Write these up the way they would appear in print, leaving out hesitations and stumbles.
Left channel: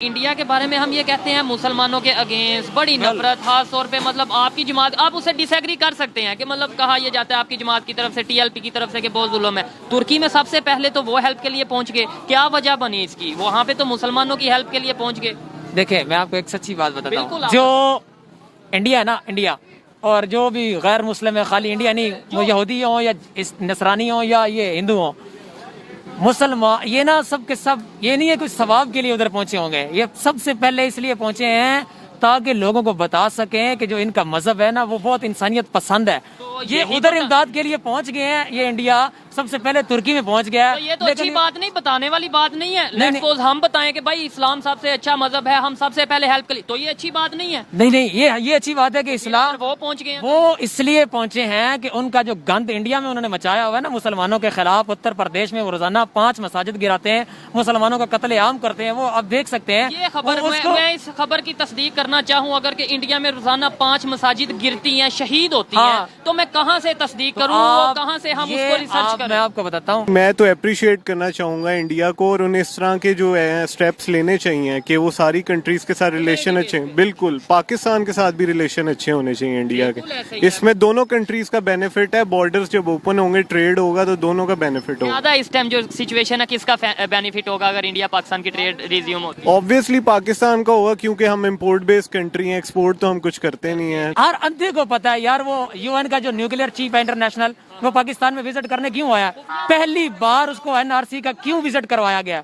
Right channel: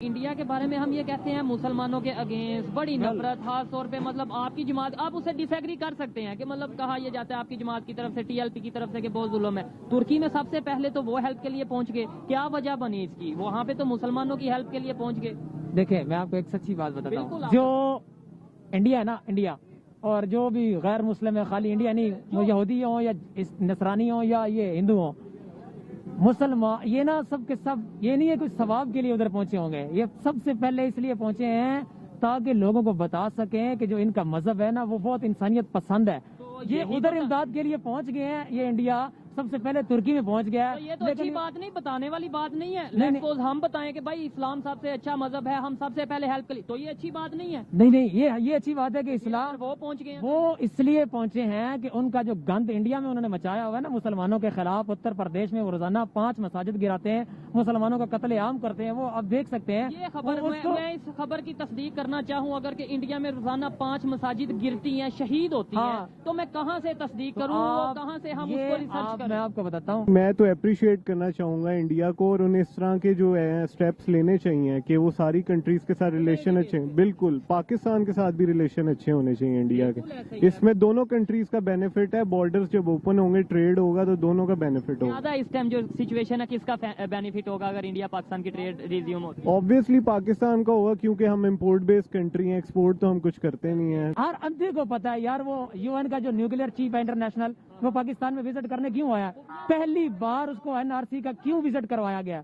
India के बारे में हम ये कहते हैं मुसलमानों के अगेंस्ट बड़ी नफरत, खास तौर पे मतलब आपकी जमात, आप उससे डिसएग्री कर सकते हैं कि मतलब कहा यह जाता है आपकी जमात की तरफ से, टीएलपी की तरफ से कि बहुत जुल्म है। तुर्की में सबसे पहले तो वो हेल्प के लिए पहुंच गए, क्या वजह बनी इसकी? वहाँ पे तो मुसलमानों की हेल्प के लिए पहुंच गए। देखिए मैं आपको एक सच्ची बात बताता हूँ, जो इंडिया है ना, इंडिया और जो भी गैर मुस्लिम है, खाली इंडिया नहीं, वो यहूदी हो या नसरानी हो या ये हिंदू हो, मुसलमान, ये ना सब के सब, ये नहीं है कुछ सवाब के लिए उधर पहुंचे होंगे। ये सबसे पहले इसलिए पहुंचे हैं ताकि लोगों को बता सकें कि जो इनका मजहब है ना वो बहुत इंसानियत पसंद है। तो ये उधर इमदाद के लिए पहुंच गए हैं। ये इंडिया सबसे पहले तुर्की में पहुंच गया। तो ये तो अच्छी बात नहीं, बताने वाली बात नहीं है। लेट्स सपोज हम बताएं कि भाई इस्लाम सबसे अच्छा मजहब है, हम सबसे पहले हेल्प करें, तो ये अच्छी बात नहीं है। नहीं, ये अच्छी बात है कि इस्लाम वो पहुंच गए, वो इसलिए पहुंचे हैं कि उनका जो गंद इंडिया में उन्होंने मचाया हुआ है ना मुसलमानों के खिलाफ, उत्तर प्रदेश में वो रोजाना 5 मसाजिद गिराते हैं, मुसलमानों का कत्लेआम करते हैं, वो अब देख सकते हैं। ये खबर मैं इस खबर की तस्दीक करना चाहूँ, अगर कि इंडिया में रोजाना 5 मसाजिद गिरती हैं, शहीद होती हैं, तो मैं कहाँ से तस्दीक करूँ, कहाँ से हम उसको रिसर्च करें? मैं आपको बताता हूँ, मैं तो अप्रिशिएट करना चाहूंगा इंडिया को, और उन्हें इस तरह के जो है स्टेप्स लेने चाहिए कि वो सारी कंट्रीज के साथ रिलेशन अच्छे, बिल्कुल पाकिस्तान के साथ भी रिलेशन अच्छे होने चाहिए इंडिया के। इसमें दोनों कंट्रीज का बेनिफिट है। बॉर्डर्स जब ओपन होंगे, ट्रेड होगा, तो दोनों का बेनिफिट होगा। ज्यादा इस टाइम जो सिचुएशन है, किसका बेनिफिट होगा अगर इंडिया पाकिस्तान की ट्रेड रिज्यूम होती है? ऑब्वियसली पाकिस्तान का होगा, क्योंकि हम इम्पोर्ट बेस्ड कंट्री हैं, एक्सपोर्ट तो हम कुछ करते नहीं है। हर अंधे को पता है यार, वो यूएन का जो न्यूक्लियर चीफ है इंटरनेशनल, वो पाकिस्तान में विजिट करने क्यों आया? पहली बार उसको एनआरसी का क्यों विजिट करवाया गया?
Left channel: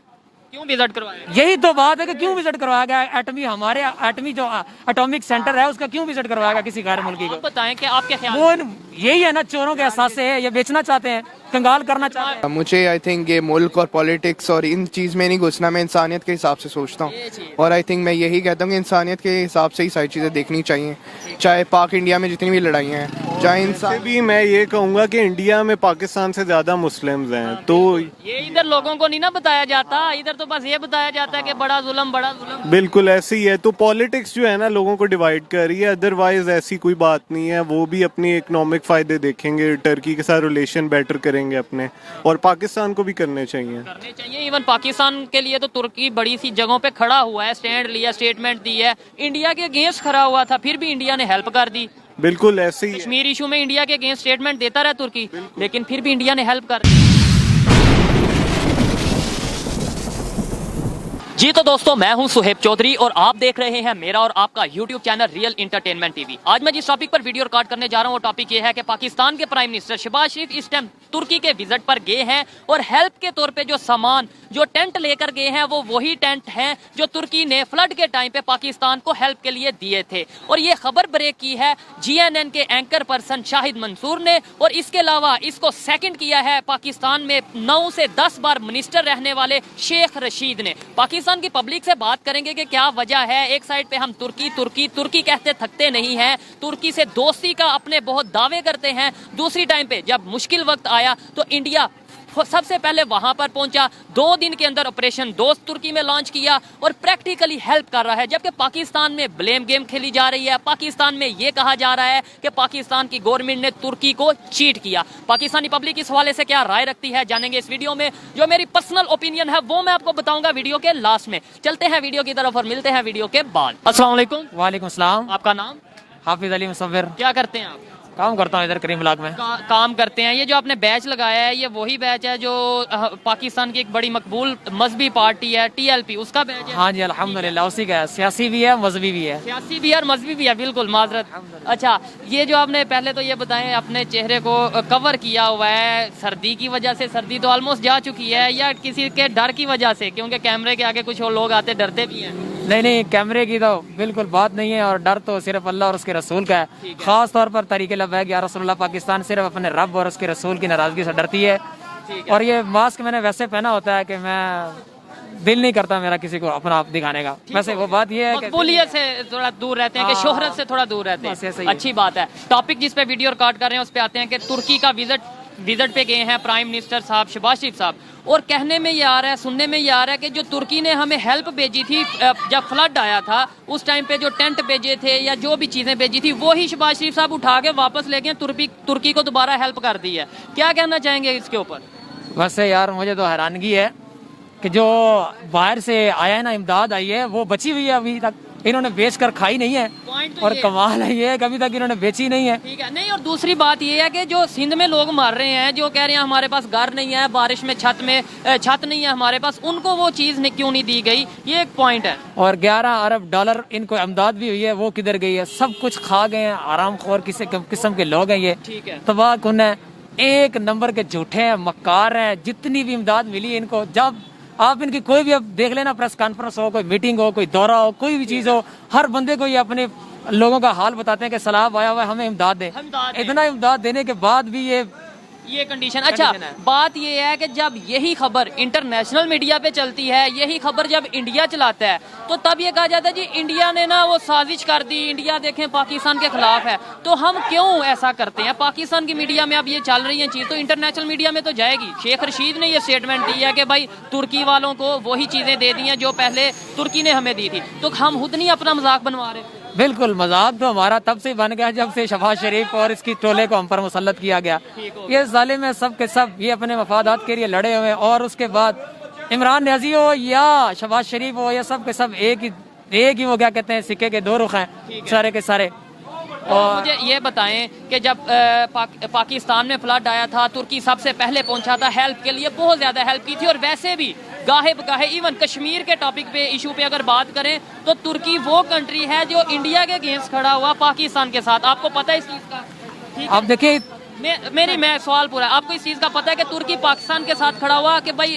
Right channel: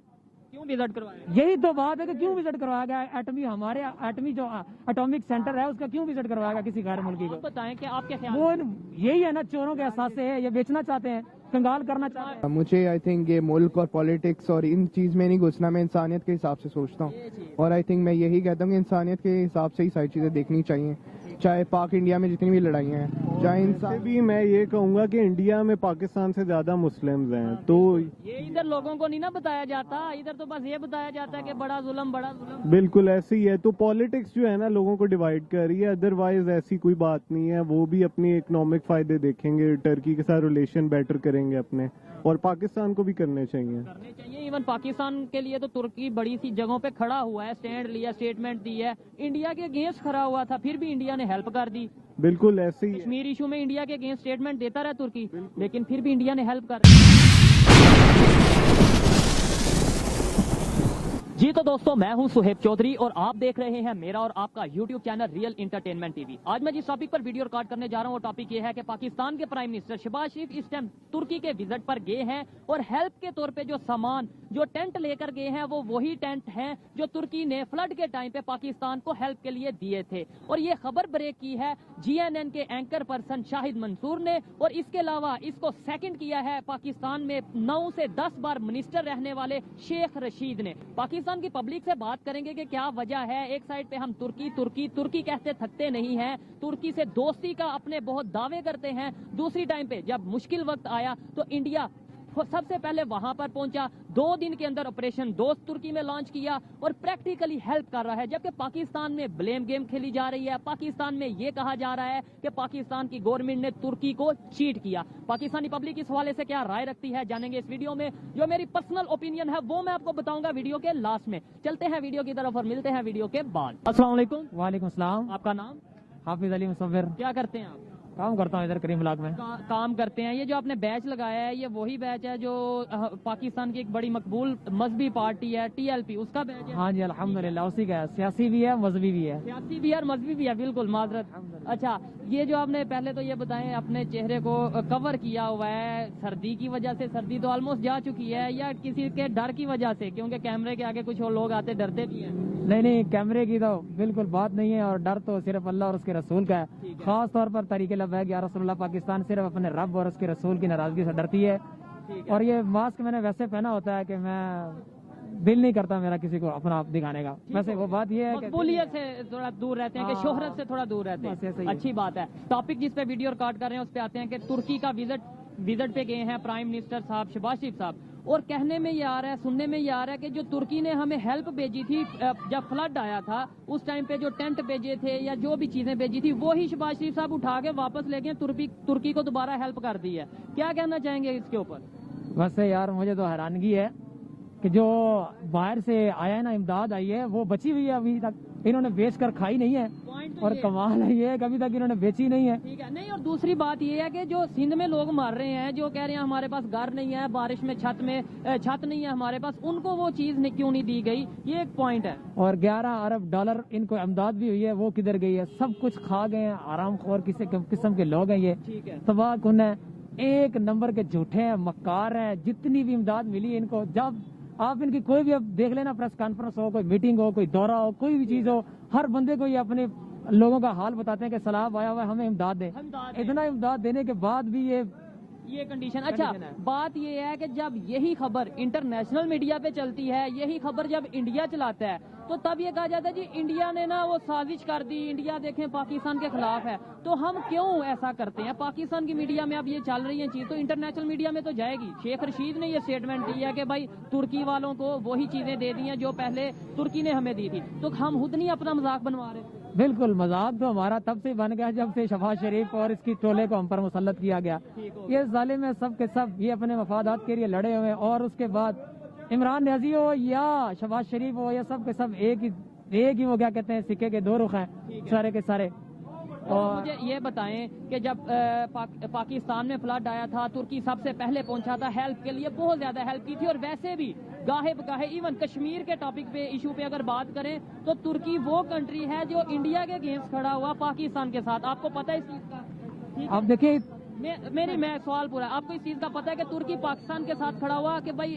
क्यों विजिट करवाया? यही तो बात है कि क्यों विजिट करवाया गया। एटमी, हमारे एटमी जो एटॉमिक सेंटर है, उसका क्यों विजिट करवाया गया किसी गैर मुल्की को? बताएं कि आपके ख्याल वो यही है ना, चोरों के एहसास से है, ये बेचना चाहते हैं, कंगाल करना चाहते हैं। मुझे आई थिंक ये मुल्क और पॉलिटिक्स और इन चीज़ में नहीं घुसना, मैं इंसानियत के हिसाब से सोचता हूँ, और आई थिंक मैं यही कहता हूँ कि इंसानियत के हिसाब से ही सारी चीज़ें देखनी चाहिए, चाहे पाक इंडिया में जितनी भी लड़ाइयाँ हैं, चाहे इंसान भी। मैं ये कहूँगा कि इंडिया में पाकिस्तान से ज़्यादा मुस्लिम्स हैं, तो ये इधर लोगों को नहीं ना बताया जाता, इधर तो बस ये बताया जाता है कि बड़ा जुल्म, बड़ा जुल्म। बिल्कुल ऐसे ही है। तो पॉलिटिक्स जो है ना लोगों को डिवाइड कर रही है, अदरवाइज ऐसी कोई बात नहीं है। वो भी अपनी इकोनॉमिक फायदे देखेंगे, टर्की के साथ रिलेशन बेटर करेंगे अपने, और पाकिस्तान को भी करने चाहिए। इवन पाकिस्तान के लिए तो तुर्की बड़ी सी जगहों पे खड़ा हुआ है, स्टैंड लिया, स्टेटमेंट दी है, इंडिया के अगेंस्ट खड़ा हुआ था, फिर भी इंडिया ने हेल्प कर दी। बिल्कुल ऐसे ही कश्मीर इशू में इंडिया के अगेंस्ट स्टेटमेंट देता रहा तुर्की, लेकिन फिर भी इंडिया ने हेल्प कर दी। जी तो दोस्तों, मैं हूं सुहेब चौधरी और आप देख रहे हैं मेरा और आपका YouTube channel real entertainment TV. आज मैं जिस टॉपिक पर वीडियो रिकॉर्ड करने जा रहा हूं वो टॉपिक ये है कि पाकिस्तान के प्राइम मिनिस्टर शहबाज शरीफ इस टाइम तुर्की के विजिट पर गए हैं, और हेल्प के तौर पे जो सामान, जो टेंट लेकर गए हैं, वो वही टेंट हैं जो तुर्की ने फ्लड के टाइम पे पाकिस्तान को हेल्प के लिए दिए थे। और ये खबर ब्रेक की है GNN के एंकर पर्सन शाहिद मंसूर ने, और इसके अलावा इसको सेकंड किया है पाकिस्तान में 9 से 10 बार मिनिस्टर रहने वाले शेख रशीद ने। पाकिस्तान की पब्लिक से बात करेंगे कि क्या वजह है। एक साइड पे हम तुर्की तुर्की तुर्की कहते थकते नहीं हैं, तुर्की से दोस्ती का अपने बहुत दावे करते हैं, दूसरी टाइम पे जब मुश्किल वक्त आया तो इंडिया सबसे पहले वहां पर पहुंचा, 2 दिन के अंदर ऑपरेशन दोस्त तुर्की में लॉन्च किया और प्रैक्टिकली हेल्प कर रहा है। जबकि पाकिस्तान में ब्लेम गेम खेली जा रही है, पाकिस्तान में यह कहा जा रहा है कि पाकिस्तान की गवर्नमेंट ने तुर्की को चीट किया। पाकिस्तानी पब्लिक इस हवाले से क्या राय रखती है, जानेंगे इस वीडियो में। जो मेरी पर्सनल ओपिनियन है वो मैं आपको बताऊंगा वीडियो के लास्ट में। चलते हैं वीडियो की तरफ और मिलते हैं वीडियो के बाद। अस्सलाम वालेकुम। वालेकुम सलाम। आपका नाम? हाफिज अली मुसव्विर। क्या करते हैं आप? काम करता हूँ इधर करीम ब्लॉक में। काम करते हैं। ये जो आपने बैच लगाया है, ये वही बैच है जो पाकिस्तान की एक बड़ी मकबूल मजहबी पार्टी है TLP, उसका बैच है? हाँ जी अल्हम्दुलिल्लाह, उसी का है। सियासी भी है, मजहबी भी है। सियासी भी है और मजहबी भी है, बिल्कुल माजरत। अच्छा, ये जो आपने पहले तो ये बताएं, अपने चेहरे को कवर किया हुआ है, सर्दी की वजह से, सर्दी तो ऑलमोस्ट जा चुकी है, या किसी के डर की वजह से? क्योंकि कैमरे के आगे कुछ और लोग आते डरते भी हैं। नहीं, कैमरे की तो बिल्कुल बात नहीं है, और डर तो सिर्फ अल्लाह और उसके रसूल का है। खास तौर पर तरीके लब्बैक या रसूलुल्लाह, पाकिस्तान सिर्फ अपने रब और उसके रसूल की नाराजगी से डरती है। और ये मास्क मैंने वैसे पहना होता है कि मैं दिल नहीं करता मेरा किसी को अपना आप दिखाने का। वैसे वो बात ये है कि मकबूलियत से थोड़ा दूर रहते हैं, कि शोहरत से थोड़ा दूर रहते हैं। अच्छी बात है। टॉपिक जिस पे वीडियो रिकॉर्ड कर रहे हैं उस पे आते हैं कि तुर्की का विजिट पे गए हैं प्राइम मिनिस्टर साहब शहबाज शरीफ साहब, और कहने में ये आ रहा है, सुनने में ये आ रहा है कि जो तुर्की ने हमें हेल्प भेजी थी जब फ्लड आया था उस टाइम पे, जो टेंट भेजे थे या जो भी चीज़ें भेजी थी, वो ही शहबाज शरीफ साहब उठा के वापस ले गए, तुर्की को दोबारा हेल्प कर दी है। क्या कहना चाहेंगे इसके ऊपर? वैसे यार मुझे तो हैरानगी है कि जो बाहर से आया है ना, इमदाद आई है, वो बची हुई है अभी तक, इन्होंने बेच कर खाई नहीं है। पॉइंट तो और ये है। कमाल है ये कि अभी तक इन्होंने बेची नहीं है। ठीक है, नहीं और दूसरी बात ये है कि जो सिंध में लोग मर रहे हैं, जो कह रहे हैं हमारे पास घर नहीं है, बारिश में छत नहीं है हमारे पास, उनको वो चीज़ क्यों नहीं दी गई, ये एक पॉइंट है। और 11 अरब डॉलर इनको इमदाद भी हुई है, वो किधर गई है? सब कुछ खा गए हैं, आराम खोर किसी किस्म के लोग हैं ये, ठीक है। तबाह कुन है, एक नंबर के झूठे हैं, मक्कार हैं। जितनी भी इमदाद मिली है इनको, जब आप इनकी कोई भी अब देख लेना, प्रेस कॉन्फ्रेंस हो, कोई मीटिंग हो, कोई दौरा हो, कोई भी चीज़ हो, हर बंदे को ये अपने लोगों का हाल बताते हैं कि सलाब आया हुआ है, हमें इमदाद दें। इतना इमदाद देने के बाद भी ये कंडीशन। अच्छा, बात ये है कि जब यही खबर इंटरनेशनल मीडिया पे चलती है, यही खबर जब इंडिया चलाता है, तो तब ये कहा जाता है जी इंडिया ने ना वो साजिश कर दी, इंडिया देखें पाकिस्तान के खिलाफ है। तो हम क्यों ऐसा करते हैं? पाकिस्तान की मीडिया में अब ये चल रही है चीज़, तो इंटरनेशनल मीडिया में तो जाएगी। शेख रशीद ने ये स्टेटमेंट दी है कि भाई तुर्की वालों को वही चीज़ें दे दी हैं जो पहले तुर्की ने हमें दी थी, तो हम खुद नहीं अपना मजाक बनवा रहे। बिल्कुल मजाक तो हमारा तब से बन गया जब से शहबाज शरीफ और इसकी टोले को हम पर मुसल्लत किया गया। ये जालिम है सब के सब, ये अपने मफादात के लिए लड़े हुए हैं। और उसके बाद इमरान न्याजी हो या शहबाज शरीफ हो, ये सब के सब एक ही वो क्या कहते हैं, सिक्के के दो रुख हैं सारे के सारे। और मुझे ये बताएं कि जब पाकिस्तान में फ्लड आया था, तुर्की सबसे पहले पहुंचा था हेल्प के लिए, बहुत ज़्यादा हेल्प की थी। और वैसे भी गाहे बगाहे इवन कश्मीर के टॉपिक पे, इशू पे अगर बात करें तो तुर्की वो कंट्री है जो इंडिया के अगेंस्ट खड़ा हुआ पाकिस्तान के साथ। आपको पता है इस चीज़ का? ठीक है, आप देखिए मैं सवाल पूरा, आपको इस चीज़ का पता है कि तुर्की पाकिस्तान के साथ खड़ा हुआ कि भाई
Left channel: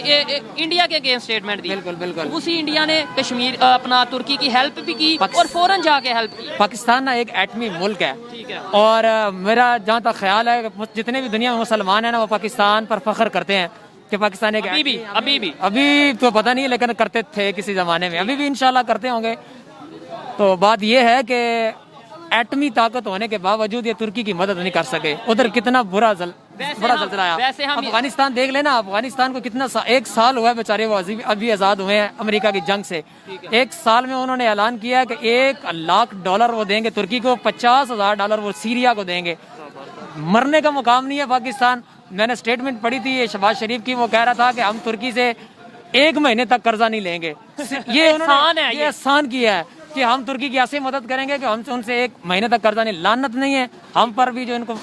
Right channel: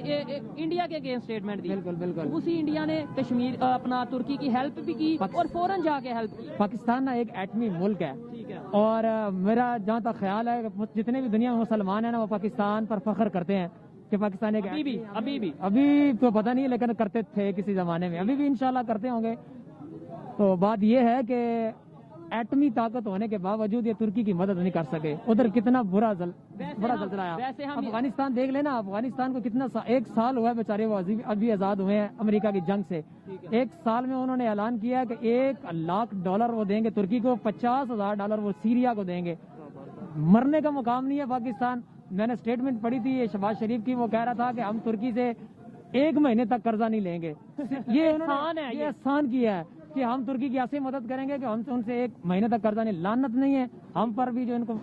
इंडिया के अगेंस्ट स्टेटमेंट दी? बिल्कुल बिल्कुल। उसी इंडिया ने कश्मीर अपना तुर्की की हेल्प भी की और फौरन जाके हेल्प की। पाकिस्तान ना एक एटमी मुल्क है, ठीक है। और मेरा जहाँ तक ख्याल है जितने भी दुनिया में मुसलमान हैं ना, वो पाकिस्तान पर फख्र करते हैं कि पाकिस्तान एक अभी तो पता नहीं, लेकिन करते थे किसी जमाने में, अभी भी इंशाल्लाह करते होंगे। तो बात यह है कि एटमी ताकत होने के बावजूद ये तुर्की की मदद नहीं कर सके। उधर कितना बड़ा जलजला आया। अफगानिस्तान देख लेना, अफगानिस्तान को कितना एक साल हुआ है बेचारे, वो अभी आज़ाद हुए हैं अमेरिका की जंग से। एक साल में उन्होंने ऐलान किया है कि $1 लाख वो देंगे तुर्की को, $50,000 वो सीरिया को देंगे। मरने का मुकाम नहीं है पाकिस्तान। मैंने स्टेटमेंट पढ़ी थी ये शहबाज शरीफ की, वो कह रहा था कि हम तुर्की से 1 महीने तक कर्जा नहीं लेंगे। ये उन्होंने ये एहसान किया है कि हम तुर्की की ऐसे मदद करेंगे कि हम उनसे 1 महीने तक कर्जा नहीं। लानत नहीं है हम पर भी जो इनको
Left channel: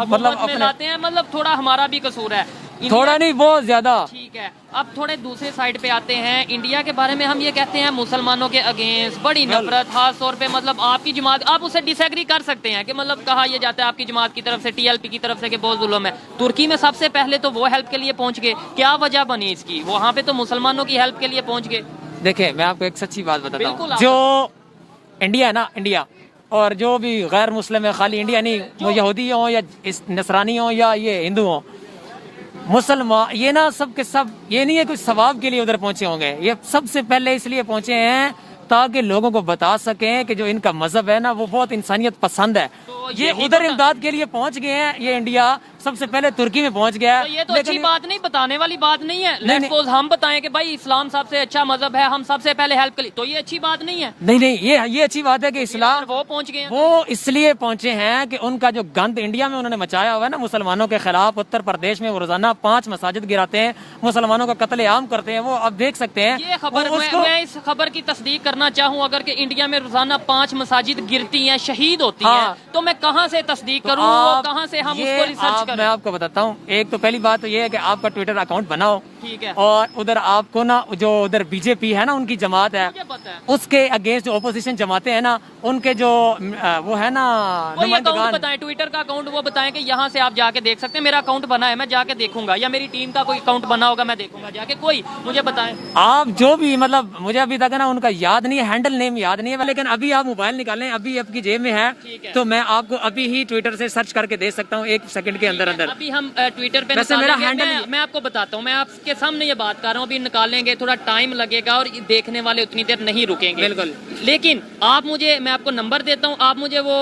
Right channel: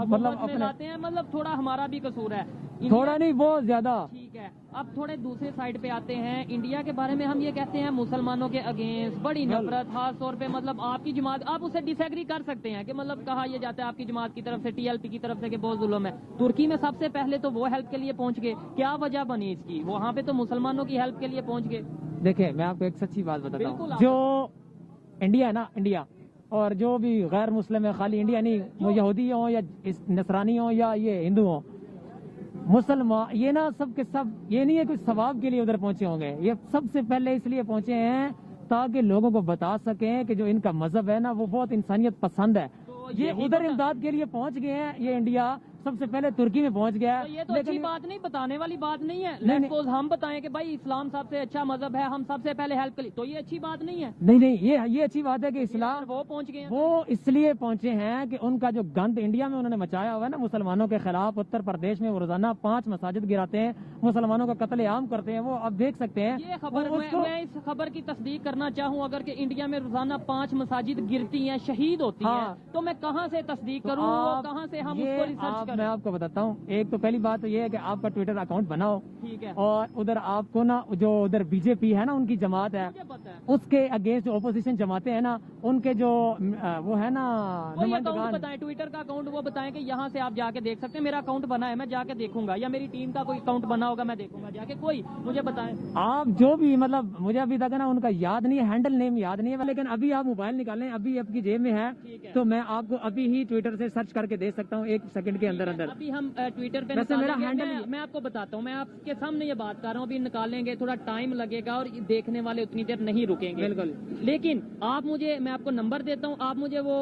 मतलब अपने लाते हैं, मतलब थोड़ा हमारा भी कसूर है, थोड़ा नहीं बहुत ज्यादा। ठीक है, अब थोड़े दूसरे साइड पे आते हैं। इंडिया के बारे में हम ये कहते हैं मुसलमानों के अगेंस्ट बड़ी नफरत, खास तौर पे मतलब आपकी जमात, आप उससे डिसएग्री कर सकते हैं कि मतलब कहा यह जाता है आपकी जमात की तरफ से, TLP की तरफ से कि बहुत जुल्म है। तुर्की में सबसे पहले तो वो हेल्प के लिए पहुंच गए, क्या वजह बनी इसकी? वहाँ पे तो मुसलमानों की हेल्प के लिए पहुंच गए। देखिए मैं आपको एक सच्ची बात बताता हूँ, जो इंडिया है ना, इंडिया और जो भी गैर मुस्लिम है, खाली इंडिया नहीं, वो यहूदी हो या नसरानी हो या ये हिंदू हो, मुसलमान, ये ना सब के सब ये नहीं है कुछ सवाब के लिए उधर पहुंचे होंगे। ये सबसे पहले इसलिए पहुंचे हैं ताकि लोगों को बता सकें कि जो इनका मजहब है ना वो बहुत इंसानियत पसंद है। ये उधर इमदाद के लिए पहुंच गए हैं। ये इंडिया सबसे पहले तुर्की में पहुंच गया है। तो ये तो अच्छी बात नहीं, बताने वाली बात नहीं है। लेट्स सपोज हम बताएं कि भाई इस्लाम सबसे अच्छा मजहब है, हम सबसे पहले हेल्प के लिए, तो ये अच्छी बात नहीं है। नहीं, ये अच्छी बात है कि इस्लाम वो पहुंच गए, वो इसलिए पहुंचे हैं कि उनका जो गंद इंडिया में उन्होंने मचाया हुआ है ना मुसलमानों के खिलाफ, उत्तर प्रदेश में वो रोजाना 5 मसाजिद गिराते हैं, मुसलमानों का कत्लेआम करते हैं, वो अब देख सकते हैं। ये खबर मैं इस खबर की तस्दीक करना चाहूँ, अगर कि इंडिया में रोजाना 5 मसाजिद गिरती हैं, शहीद होती हैं, तो मैं कहाँ से तस्दीक करूँ, कहाँ से हम उसको रिसर्च करें? मैं आपको बताता हूँ। एक तो पहली बात तो ये है कि आपका ट्विटर अकाउंट बनाओ, ठीक है, और उधर आपको ना जो उधर बीजेपी है ना, उनकी जमात है, उसके अगेंस्ट जो ओपोजिशन जमाते हैं ना, उनके जो वो है ना अकाउंट बताएं, ट्विटर का अकाउंट वो बताएं कि यहाँ से आप जाके देख सकते हैं। मेरा अकाउंट बना है, मैं जाके देखूंगा, या मेरी टीम का कोई अकाउंट बना होगा, मैं देखूंगा जाके। कोई मुझे बताएं आप जो भी, मतलब मुझे अभी तक है ना उनका याद नहीं है, हैंडल नेम याद नहीं है, लेकिन अभी आप मोबाइल निकालें, अभी आपकी जेब में है, तो मैं आपको अभी ही ट्विटर से सर्च करके दे सकता हूँ 1 सेकंड के अंदर अंदर। अभी हम ट्विटर पे वैसे मेरा हैंडल मैं आपको बताता हूँ, मैं आपके सामने ये बात कर रहा हूँ, अभी निकालेंगे, थोड़ा टाइम लगेगा और देखने वाले उतनी देर नहीं रुकेंगे। बिल्कुल, लेकिन आप मुझे, मैं आपको नंबर देता हूँ, आप मुझे वो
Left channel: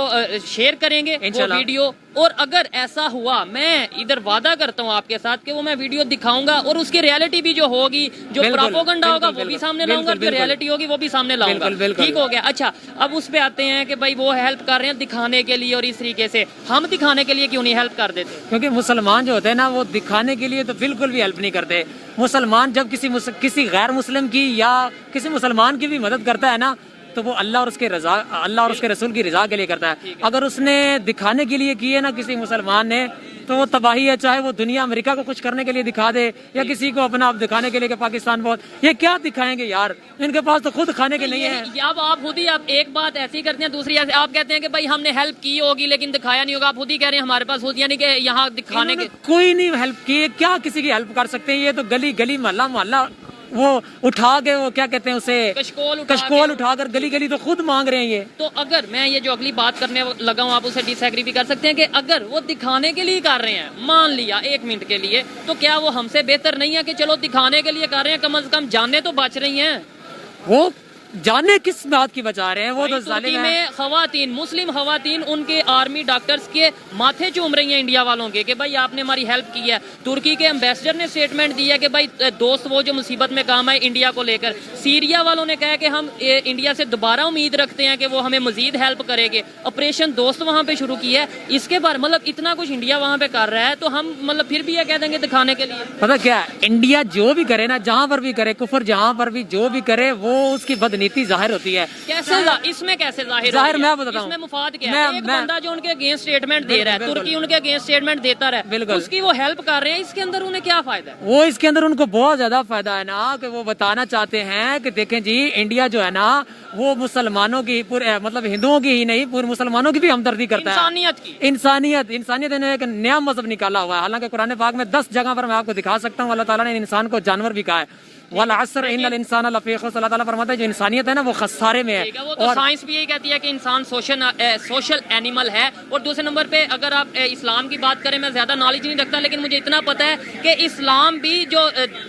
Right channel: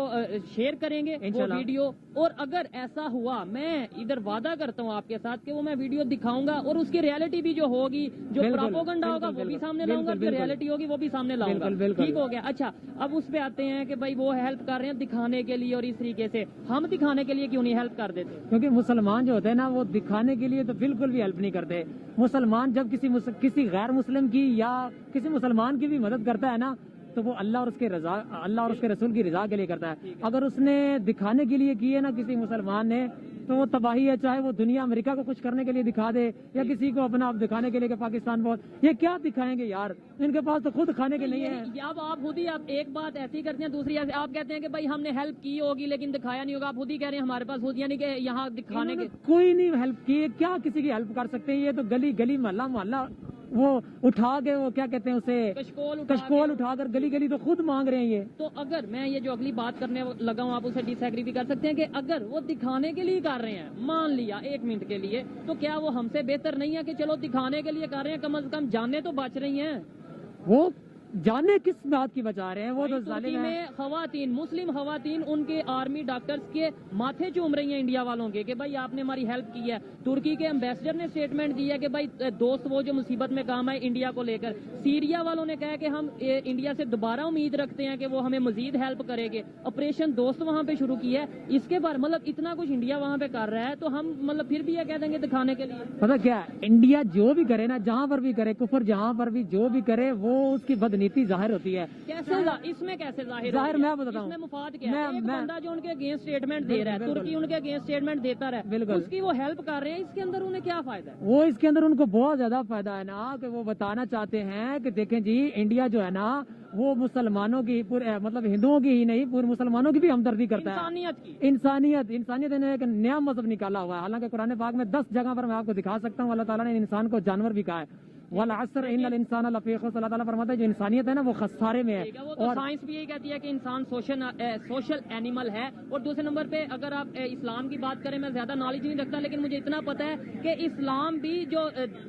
शेयर करेंगे वो वीडियो, और अगर ऐसा हुआ, मैं इधर वादा करता हूँ आपके साथ कि वो मैं वीडियो दिखाऊंगा और उसकी रियलिटी भी जो होगी, जो प्रोपेगेंडा होगा वो भी सामने लाऊंगा, जो रियलिटी होगी वो भी सामने लाऊंगा। ठीक हो गया। अच्छा, अब उस पे आते हैं कि भाई वो हेल्प कर रहे हैं दिखाने के लिए, और इस तरीके से हम दिखाने के लिए क्यों नहीं हेल्प कर देते? क्योंकि मुसलमान जो होते हैं ना, वो दिखाने के लिए तो बिल्कुल भी हेल्प नहीं करते। मुसलमान जब किसी गैर मुस्लिम की या किसी मुसलमान की भी मदद करता है ना, तो वो अल्लाह और उसके रसूल की रजा के लिए करता है। अगर उसने दिखाने के लिए किए ना किसी मुसलमान ने, तो वो तबाही है। चाहे वो दुनिया अमेरिका को कुछ करने के लिए दिखा दे या किसी को अपना आप दिखाने के लिए कि पाकिस्तान बहुत, ये क्या दिखाएंगे यार, इनके पास तो खुद खाने के नहीं है। अब आप खुद ही आप एक बात ऐसी करते हैं, दूसरी ऐसे आप कहते हैं कि भाई हमने हेल्प की होगी लेकिन दिखाया नहीं होगा। आप खुद ही कह रहे हैं हमारे पास खुद, यानी कि यहाँ दिखाने के कोई नहीं हेल्प की, क्या किसी की हेल्प कर सकते हैं? ये तो गली गली मोहल्ला मोहल्ला वो उठा के, वो क्या कहते हैं उसे, कशकोल उठाकर गली गली तो खुद मांग रहे हैं ये। तो अगर मैं ये जो अगली बात करने लगा हूँ, आप उसे डिसएग्री भी कर सकते हैं कि अगर वो दिखाने के लिए कर रहे हैं, मान लिया 1 मिनट के लिए, तो क्या वो हमसे बेहतर नहीं है कि चलो दिखाने के लिए कर रहे हैं, कम से कम जाने तो बच रही हैं? वो जाने किस बात की बचा रहे हैं? वो तो तुर्की में खवातीन, मुस्लिम खवातीन, उनके आर्मी डॉक्टर्स के माथे चूम रही हैं इंडिया वालों के कि भाई आपने हमारी हेल्प की है। तुर्की के एम्बेसडर ने स्टेटमेंट दिया कि भाई दोस्त वो जो मुसीबत में काम है इंडिया को लेकर। सीरिया वालों ने कहा कि हम इंडिया से दोबारा उम्मीद रखते हैं कि वो हमें मजीद हेल्प करेंगे। ऑपरेशन दोस्त वहाँ पे शुरू किया है। इसके बाद मतलब इतना कुछ इंडिया वहाँ पे कर रहा है, तो हम मतलब फिर भी ये कह देंगे दिखाने के लिए? पता क्या, इंडिया जो भी करे ना, जहाँ पर भी करे कुफर, जहाँ पर भी जो भी करे, वो उसकी बदनीति जाहिर होती है। कैसे इसमें कैसे जाहिर मैं बताता हूँ, इसमें मुफाद क्या है? एक बंदा जो उनके अगेंस्ट स्टेटमेंट दे रहा है, तुर्की उनके अगेंस्ट स्टेटमेंट देता रहा, उसकी वो हेल्प कर रहे हैं, इसके अंदर उन्हें क्या फायदा है? वो इसके अंदर उनको बहुत ज्यादा फायदा है ना, कि वो बताना चाहते हैं कि देखें जी, इंडिया जो है ना, वो मुसलमानों की पूरे, मतलब हिंदुओं की ही नहीं, पूरे मुसलमानों की भी हमदर्दी करता है। इंसानियत ने एक नया मजहब निकाला हुआ है। हालांकि कुरान पाक में 10 जगह पर मैं आपको दिखा सकता हूँ, अल्लाह ताला ने इंसान को जानवर भी कहा है। वल असर इन्नल इंसान लफी खुस्र, अल्लाह ताला फरमाता है जो इंसानियत है ना, वो खसारे में है। वो तो साइंस भी यही कहती है कि इंसान सोशल एनिमल है। और दूसरे नंबर पे अगर आप इस्लाम की बात करें, मैं ज्यादा नॉलेज नहीं रखता, लेकिन मुझे इतना पता है कि इस्लाम भी जो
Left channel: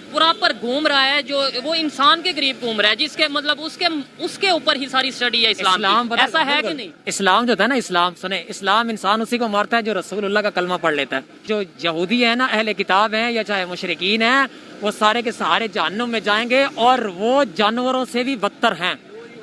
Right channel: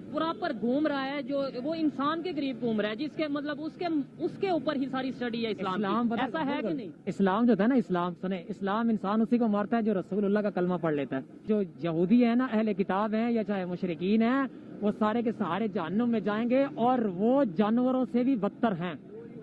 प्रॉपर घूम रहा है, जो वो इंसान के करीब घूम रहा है, जिसके मतलब उसके ऊपर ही सारी स्टडी है इस्लाम की। ऐसा है कि नहीं? इस्लाम जो है ना, इस्लाम सुने, इस्लाम इंसान उसी को मारता है जो रसूलुल्लाह का कलमा पढ़ लेता है। जो यहूदी है ना, अहले किताब है या चाहे मुशरिकीन है, वो सारे के सारे जहन्नुम में जाएंगे और वो जानवरों से भी बदतर हैं।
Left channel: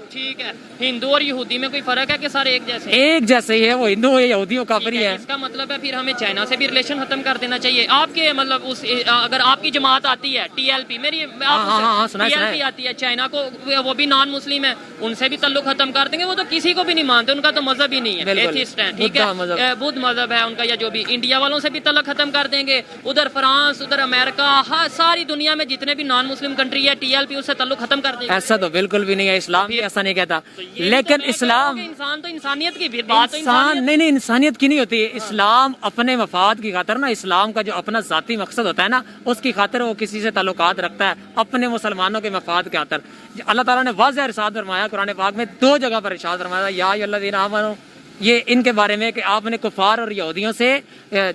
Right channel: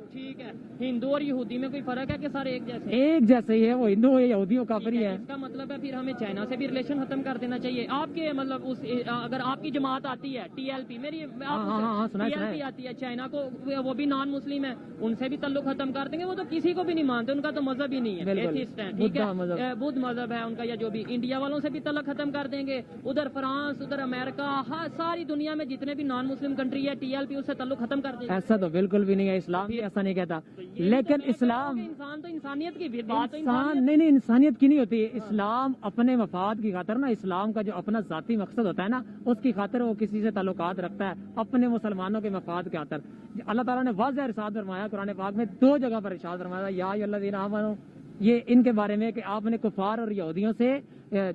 ठीक है, हिंदू और यहूदी में कोई फर्क है कि सारे एक जैसे? एक जैसे ही है, वो हिंदू हो या यहूदी हो, काफिर है। इसका मतलब है फिर हमें चाइना से भी रिलेशन खत्म कर देना चाहिए। आपके मतलब अगर आपकी जमात आती है TLP, मेरी TLP आती है, चाइना को, वो भी नॉन मुस्लिम है, उनसे भी तल्लुक खत्म कर देंगे। वो तो किसी को भी नहीं मानते, उनका तो मजहब ही नहीं है, एथिस्ट है, ठीक है, बुद्ध मजहब है उनका, या जो भी। इंडिया वालों से भी तल्लुक खत्म कर देंगे। उधर फ्रांस, उधर अमेरिका, सारी दुनिया में जितने भी नॉन मुस्लिम कंट्री है, TLP उससे तल्लुक खत्म कर देंगे। ऐसा तो बिल्कुल भी नहीं है, इस्लाम भी ऐसा नहीं कहता। लेकिन इस्लाम, इंसान तो इंसानियत की बात, नहीं इंसानियत की नहीं होती। इस्लाम अपने मफाद की खातिर ना, इस्लाम का जो अपना जाती मकसद होता है ना, उसकी खातिर वो किसी से ताल्लुकात रखता है, अपने मुसलमानों के मफाद के खातिर। अल्लाह ताला ने वाज़ेह इरशाद फरमाया कुरान पाक में, 2 जगह पर इरशाद फरमाया, या अय्युहल्लज़ीना आमनू, ये इनके बारे में कि आपने कुफार और यहूदियों से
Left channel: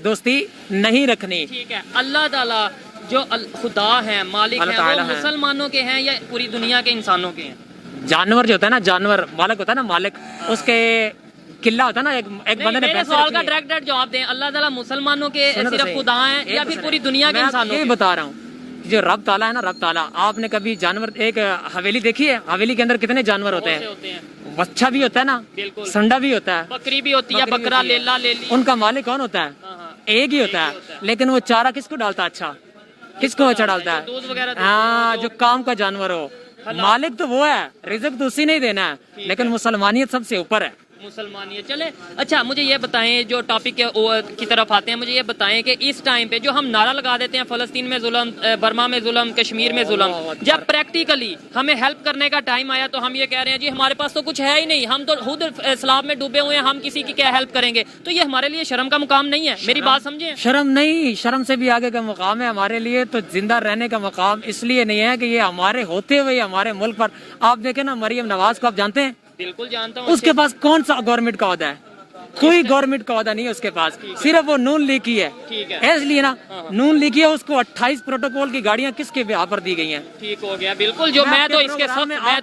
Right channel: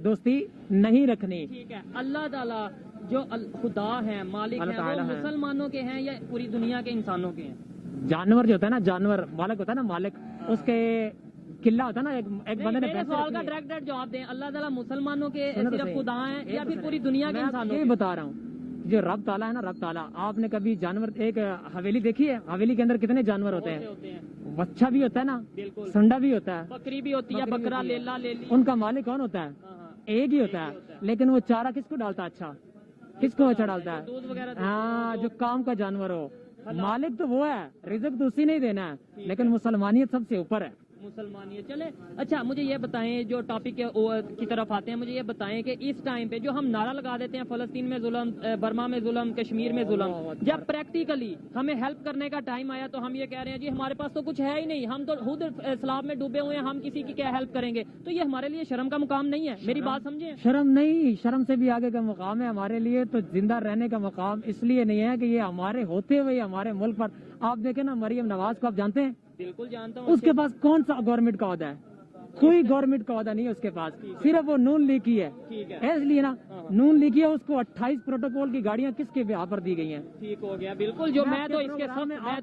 दोस्ती नहीं रखनी। ठीक है, अल्लाह ताला जो खुदा है, मालिक है, वो मुसलमानों के हैं या पूरी दुनिया के इंसानों के हैं? जानवर जो होता है ना, जानवर मालिक होता है ना, मालिक उसके किला होता है ना, एक बंदे ने सवाल का डायरेक्ट जवाब दें। अल्लाह ताला मुसलमानों के सिर्फ खुदा हैं या फिर पूरी दुनिया के इंसानों? ये बता रहा हूँ, जो रब ताला है ना, रब ताला, आपने कभी जानवर, एक हवेली देखी है? हवेली के अंदर कितने जानवर होते हैं? बच्चा भी होता है ना, संडा भी होता है, बकरी भी होती है, बकरा, लेला, लेली। उनका मालिक कौन होता है? एक ही होता है। लेकिन वो चारा किसको डालता है? अच्छा, किसको अच्छा डालता है? हाँ, जो काम का जानवर हो। मालिक तो वो है, रिज़्क तो उसी नहीं देना है, लेकिन मुसलमानियत सबसे ऊपर है। मुसलमानियत चले। अच्छा, मुझे ये बताएं, जो टॉपिक की तरफ आते हैं, मुझे ये बताएं कि इस टाइम पे जो हम नारा लगा देते हैं, फ़लस्तीन में जुल्म, बर्मा में जुल्म, कश्मीर में जुल्म, जब प्रैक्टिकली हमें हेल्प करने का टाइम आया तो हम ये कह रहे हैं जी हमारे पास तो कुछ है ही नहीं, हम तो खुद इस्लाम में डूबे हुए हैं, हम किसी की क्या हेल्प करेंगे? तो ये हमारे लिए शर्म का मुकाम नहीं है? मेरी बात समझे। शर्म नहीं, शर्म से भी आगे का मुकाम है हमारे लिए। तो जिंदा रहने का मुकाम इसलिए नहीं है कि ये हमारे होते हुए हमारे मुल्क पर, आप देखें ना, मरियम नवाज को आप जानते हैं? बिल्कुल जानता हूँ। उसके पास कौन सा गवर्नमेंट का ओहदा है? कोई गवर्नमेंट का वादा नहीं है उसके पास, सिर्फ वो नून लीग की है। ठीक है। इसलिए ना नून लीग की है, उसको 28 प्रोटोकॉल की गाड़ियां किसके बिहार पर दी गई हैं। ठीक हो गया, बिल्कुल। जो मैं तो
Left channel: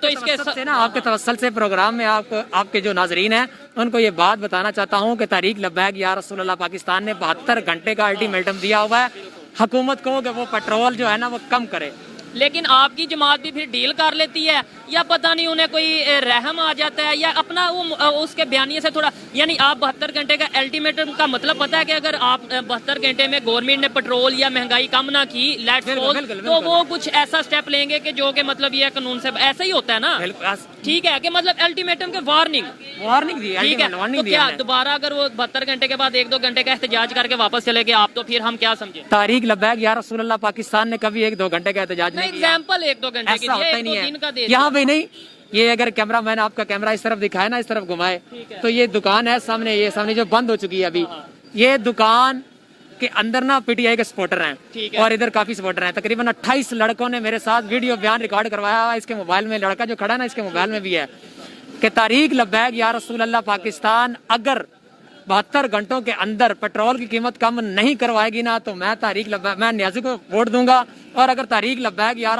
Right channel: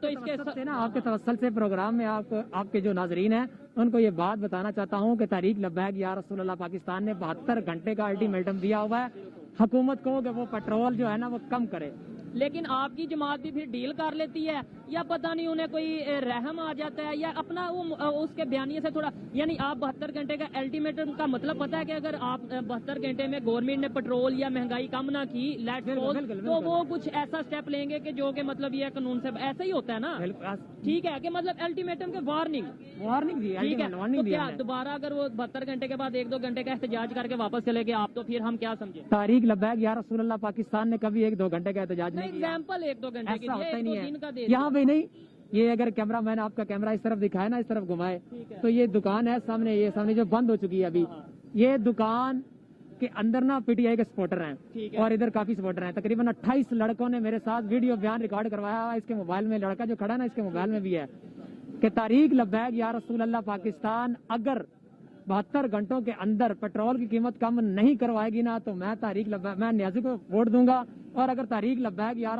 इसके से ना आपके तवस्सल से प्रोग्राम में आपके जो नाजरीन हैं उनको ये बात बताना चाहता हूँ कि तारीक लब्बैक या रसूलुल्लाह पाकिस्तान ने 72 घंटे का अल्टीमेटम दिया हुआ है हुकूमत को कि वो पेट्रोल जो है ना वो कम करे। लेकिन आपकी जमात भी फिर डील कर लेती है, या पता नहीं उन्हें कोई रहम आ जाता है, या अपना वो उसके बयानिए से थोड़ा, यानी आप 72 घंटे का अल्टीमेटम का मतलब पता है कि अगर आप 72 घंटे में गवर्नमेंट ने पेट्रोल या महंगाई कम ना की, लेट्स सपोज, तो वो कुछ ऐसा स्टेप लेंगे कि जो कि मतलब ये कानून से ऐसा ही होता है ना। ठीक है कि मतलब अल्टीमेटम के वार्निंग दी, ठीक है। तो क्या दोबारा अगर वो 72 घंटे के बाद 1-2 घंटे का एहतजाज करके वापस चले गए आप, तो फिर हम क्या समझे? तारीक लब्बैक या रसूलुल्लाह पाकिस्तान ने कभी 1-2 घंटे का एहतजाज एग्जाम्पल 1-2 घंटे की दिया, 1-2 दिन का दे यहाँ पे नहीं। ये अगर कैमरा मैन आपका कैमरा इस तरफ दिखाए ना, इस तरफ घुमाए, तो ये दुकान है सामने, ये सामने जो बंद हो चुकी है अभी, ये दुकान के अंदर ना पीटीआई के सपोर्टर हैं और इधर काफी सपोर्टर हैं। तकरीबन 28 लड़कों ने मेरे साथ वीडियो बयान रिकॉर्ड करवाया। इसके मोबाइल में, लड़का जो खड़ा है ना इसके मोबाइल में भी है कि तारीक लब्बैक या रसूलुल्लाह पाकिस्तान अगर 72 घंटों के अंदर पेट्रोल की कीमत कम नहीं करवाएगी ना, तो मैं तारीक लब्बैक, मैं न्याजी को वोट दूंगा। और अगर तारीक लब्बैक या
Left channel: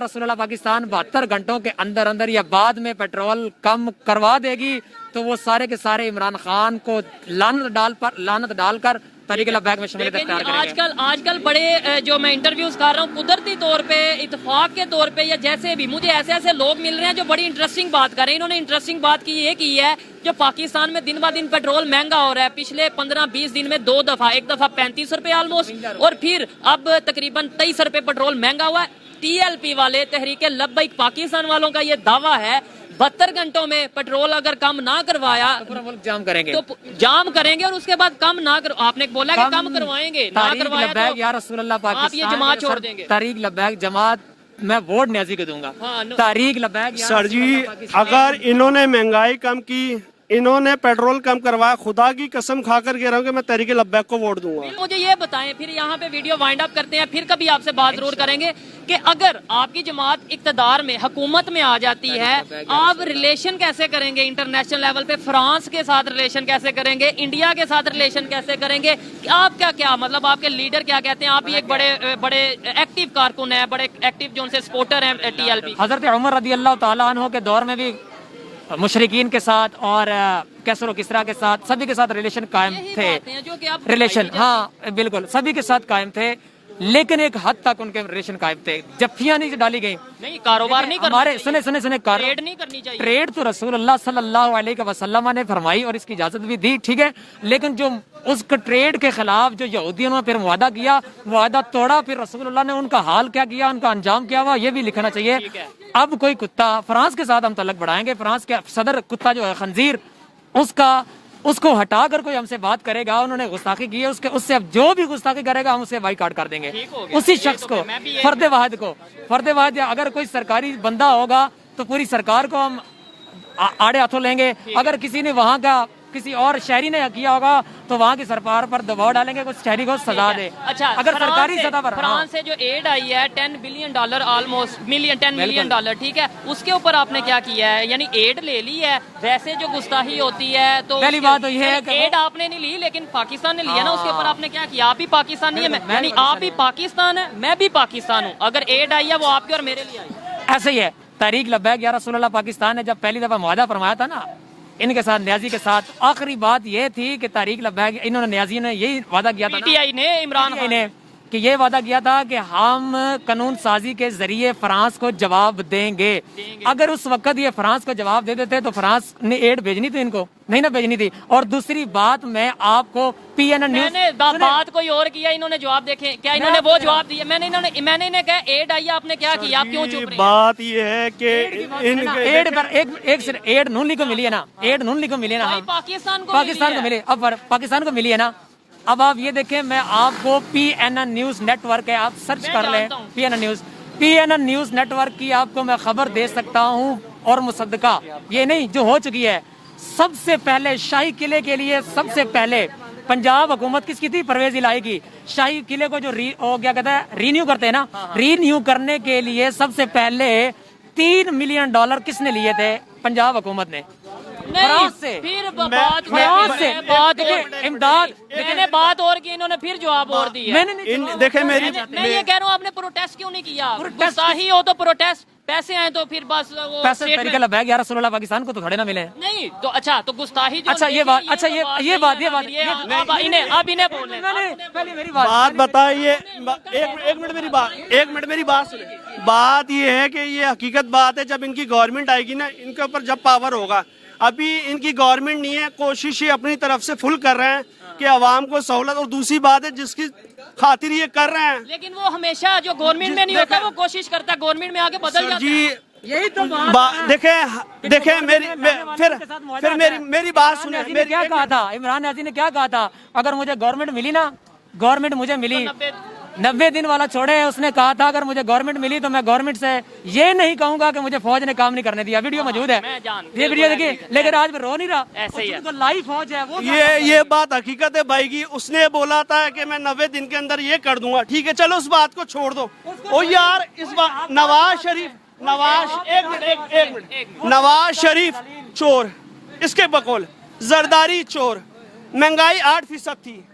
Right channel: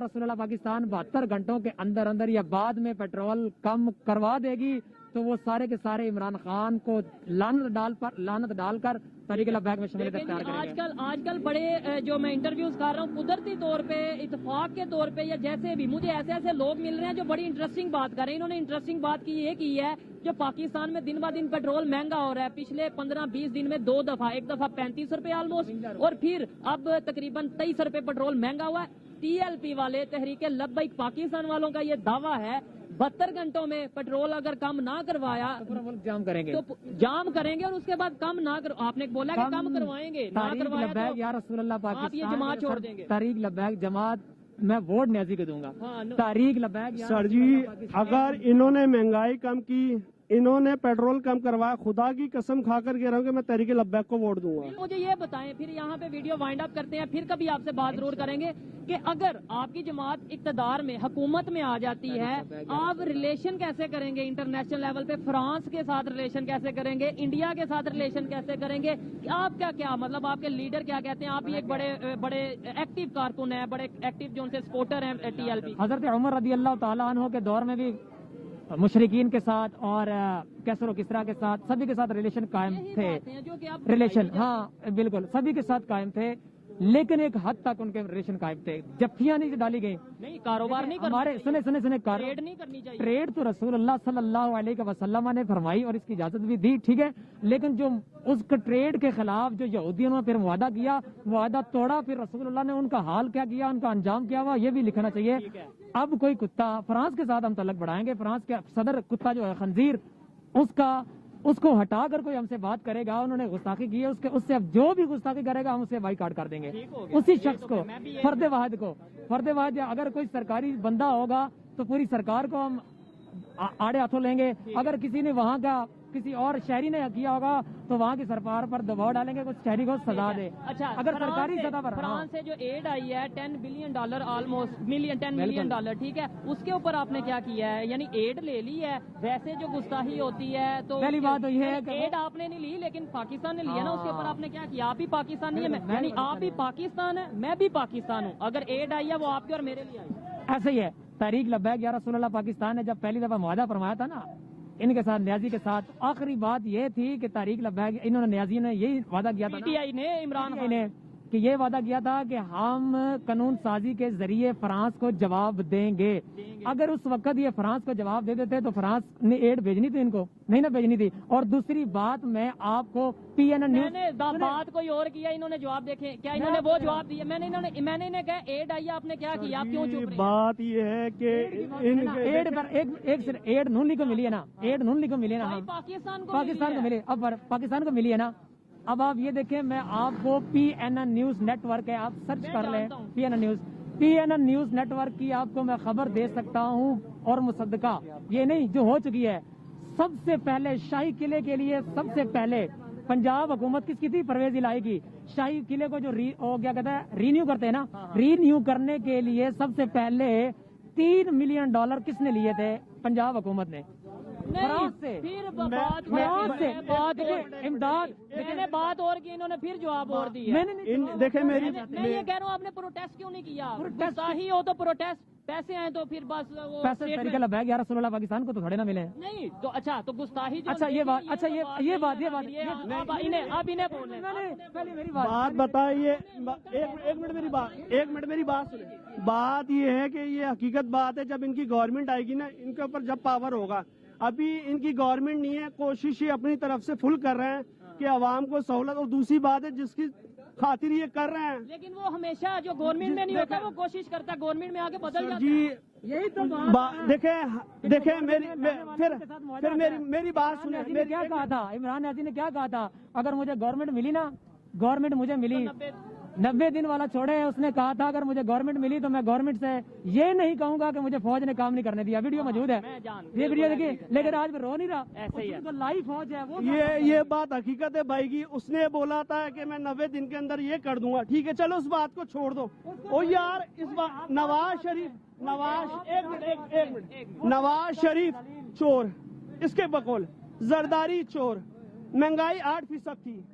रसूलुल्लाह पाकिस्तान 72 घंटों के अंदर अंदर या बाद में पेट्रोल कम करवा देगी, तो वो सारे के सारे इमरान खान को लानत डालकर तारीक लब्बैक में शमूलियत इख्तियार करेंगे। आजकल बड़े जो मैं इंटरव्यूज कर रहा हूँ, कुदरती तौर पे, इत्तेफाक के तौर पे, या जैसे भी मुझे ऐसे लोग मिल रहे हैं जो बड़ी इंटरेस्टिंग बात कर रहे हैं। इन्होंने इंटरेस्टिंग बात ये की है, जो पाकिस्तान में दिन ब दिन पेट्रोल महंगा हो रहा है। पिछले 15-20 दिन में 2 दफा, एक दफा 35 रुपए ऑलमोस्ट, और फिर अब तकरीबन 23 रुपए पेट्रोल महंगा हुआ है। TLP वाले, तहरीक लब्बैक पाकिस्तान वालों का ये दावा है 72 घंटों में पेट्रोल अगर कम ना करवाया तो पूरा मुल्क जाम करेंगे, तो जाम करेंगे, और उसके बाद कम ना कर, आपने बोला कि कम करवाएंगे, ना करवाया तो या रसूलुल्लाह पाकिस्तान आप ये जमात छोड़ देंगे। तारीक लब्बैक जमात मैं वोट न्याजी को दूंगा। तारीक लब्बैक सर जी, अगर इन्होंने महंगाई कम की, इन्होंने पेट्रोल कम करवाया, खुदा की कसम खाकर कह रहा हूँ कि मैं तहरीक लब्बैक को वोट दूंगा। मुझे ये बताएं, फिर यहाँ पे वीडियो वाइंड अप करते हैं, फिर कभी आपसे बात जरूर करेंगे कि अगर आपकी जमात इक्तदार में, हुकूमत में आ जाती है, आप रिलेशन कैसे करेंगे इंटरनेशनल लेवल पे? फ्रांस के साथ रिलेशन कैसे करेंगे? इंडिया के साथ रिलेशन कैसे करेंगे? आप क्या मतलब आपके लीडर क्या कहते हैं? आप भी एक बड़े एक्टिव कारकुन है, बड़े एक्टिव जो उनसे सपोर्टर है TLP। हजरत उमर रज़ी अल्लाह तआला अन्हु के दौर में भी मुशरिकीन के साथ और कैसर और किसरा के साथ, सभी के साथ रिलेशन कायम थे। रिलेशन, हाँ बिल्कुल, सभी के साथ कायम थे, लेकिन एक हद तक उनके रिलेशन कायम थे। जफ्फियां नहीं डाली गई, नहीं कारोबार नहीं करना हमारे, चाहिए। सुने ट्रेड नहीं करनी चाहिए। ट्रेड तो रसूलुल्लाह सल्लल्लाहु अलैहि वसल्लम ने फरमाई और इसकी इजाजत भी दी, ठीक है, लेकिन जो उस ट्रेड के खिलाफ जो यहूदियों ने फिर वादा किया, वादा तोड़ा, फिर रसूलुल्लाह ने उनका हाल क्या किया, उनका अंजाम क्या हुआ, ये भी लिखना चाहिए। अब कोई कुत्ता, फ्रांस के साथ हम तलक बढ़ाएंगे, फ्रांस के सदर कुत्ता जो है खंजीर, उसको हटाकर कोई हमसे बात करेगा, उन्होंने गुस्ताखी की है, उससे अब जो भी गुस्ताखी करेगा हम उसे बाइकाट कर देंगे। उसी शख्स को, फर्द वाहिद, अगर कोई सरकारी बंदा होगा तो पूरी सरकार को हम आड़े हाथों लेंगे। अगर किसी ने वहाँ का किसी और शहरी ने किया होगा तो वहाँ की सरकार पर दबाव डालेंगे, कुछ शहरी को सजा दे। अच्छा, अगर सरकारी सतह पर फ्रांस से जो एड आई है $10 बिलियन ऑलमोस्ट, $10 मिलियन, ठीक है, उसके ऊपर आपने क्या किया है? यानी एड ले ली है, वैसे जो गुस्ताखी होती है तो पहली बात तो ये है कि एड आपने नहीं ली, लेकिन पाकिस्तान ने लिया ना, उसके ऊपर आपने क्या किया? आप भी पाकिस्तानी है, यानी आप भी पाकिस्तान है, मैं भी पाकिस्तान हूँ। अगर एड आई है वो आपके और मेरे लिए आई। ऐसे ही है। तारीक लब्बैक या रसूलुल्लाह पाकिस्तान ने जब पहली दफा मुआहदा फरमाया था ना इनके साथ, न्याजी के साथ, आखिरी बात ये थी कि तारीक लब्बैक, इन्होंने, न्याजी ने यही वादा किया था, PTI ने, इमरान खान ने, कि ये वादा किया था कि हम कानून साजी के जरिए फ्रांस को जवाब देंगे। अगर उस वक्त ये फ्रांस को जवाब दे देते तो फ्रांस ने एड भेजनी थी, इनको नहीं ना भेजनी थी। और दूसरी बात, मैं आपको PNN न्यूज़, मैंने बात कोई और किया, इन्होंने जवाब देखे क्या? इन्होंने वो जवाब दिया, मैंने इन्हें कहा एड आई, आपने क्या किया? आप क्यों चुप रहे? बात ये है कि एड नून लीग को मिली है ना, एड नून लीग को मिली है ना, पाकिस्तान को मिली, अब पाकिस्तान को मिली है ना। अब आप ये देखें, मैं आपको PNN न्यूज़ नेटवर्क है, आप सर्च कर लें PNN न्यूज़ नेटवर्क की आपको मैं खबर दे सकता हूँ, और मुसद्दका ये नहीं जो हो चुकी है। सबसे पहले शाही किले के लिए सबसे पहले पंजाब हुकूमत किसकी थी? परवेज इलाही की। शाही किले को जो क्या कहता है, रीन्यू करते हैं ना, रीन्यू करने के लिए सबसे पहले $3 मिलियन किसने लिए थे? पंजाब हुकूमत ने नहीं, फ्रांस से फिर बात फ्रांस से बात इमदाद मैंने बात और की, इन्होंने फिर जवाब और दिया। मैंने नहीं देखे मेरी मैं ये कह रहा हूँ आपने प्रोटेस्ट क्यों नहीं किया? गुस्ताही हो तो प्रोटेस्ट, पैसे आए तो फिर बस वो पैसे statement- तरीका लगा 11-16 पाकिस्तान को तो खड़े ना मिले। नहीं तो अच्छा, तो गुस्ताही जो अच्छा ये बात, अच्छा ये बात अब इन्हें बोलने पहले मेरी बात बताइए, एक मिनट मेरी बात सुने। बात ये है कि ये हकीकत बात है, जब इनकी गवर्नमेंट आएगी ना, इनके ऊपर जब पावर होगा, अभी इनकी गवर्नमेंट नहीं है, कोशिश ये अपनी तरफ से फुल कर रहे हैं कि आवाम को सहूलत, और दूसरी बात है जिसकी खातिर ये कर रहे हैं। लेकिन वो हमेशा जो गवर्नमेंट में नहीं होता वो कोशिश करता है गवर्नमेंट में आके बदल जाता है। जी यही तो देखे मेरी बात सुने। ने क्या कहा था, इमरान हाजी ने क्या कहा था, अगर मुझे गवर्नमेंट मिली ना, गवर्नमेंट मुझे मिली 90 दिन वाला छोड़े, उसने कहा था अगर मुझे गवर्नमेंट मिली तो मैं गवर्नमेंट से ये नहीं कहूंगा कि मुझे फौज ने काम नहीं करने दिया। वीडियो मौजूद है, ये वीडियो देखिए, लेकिन आज रो नहीं रहा, ऐसे ही है। तो लाइव फौज है वो। ये बात हकीकत है भाई की। उसने बोला था कि मैं 90 दिन के अंदर ये कर दूंगा, ठीक है चलो उस बात को छोड़ दो। ओ यार इस बात नवाज शरीफ नवाज शरीफ चोर, इसके बकौल जरदारी चोर, महंगाई 8% थी,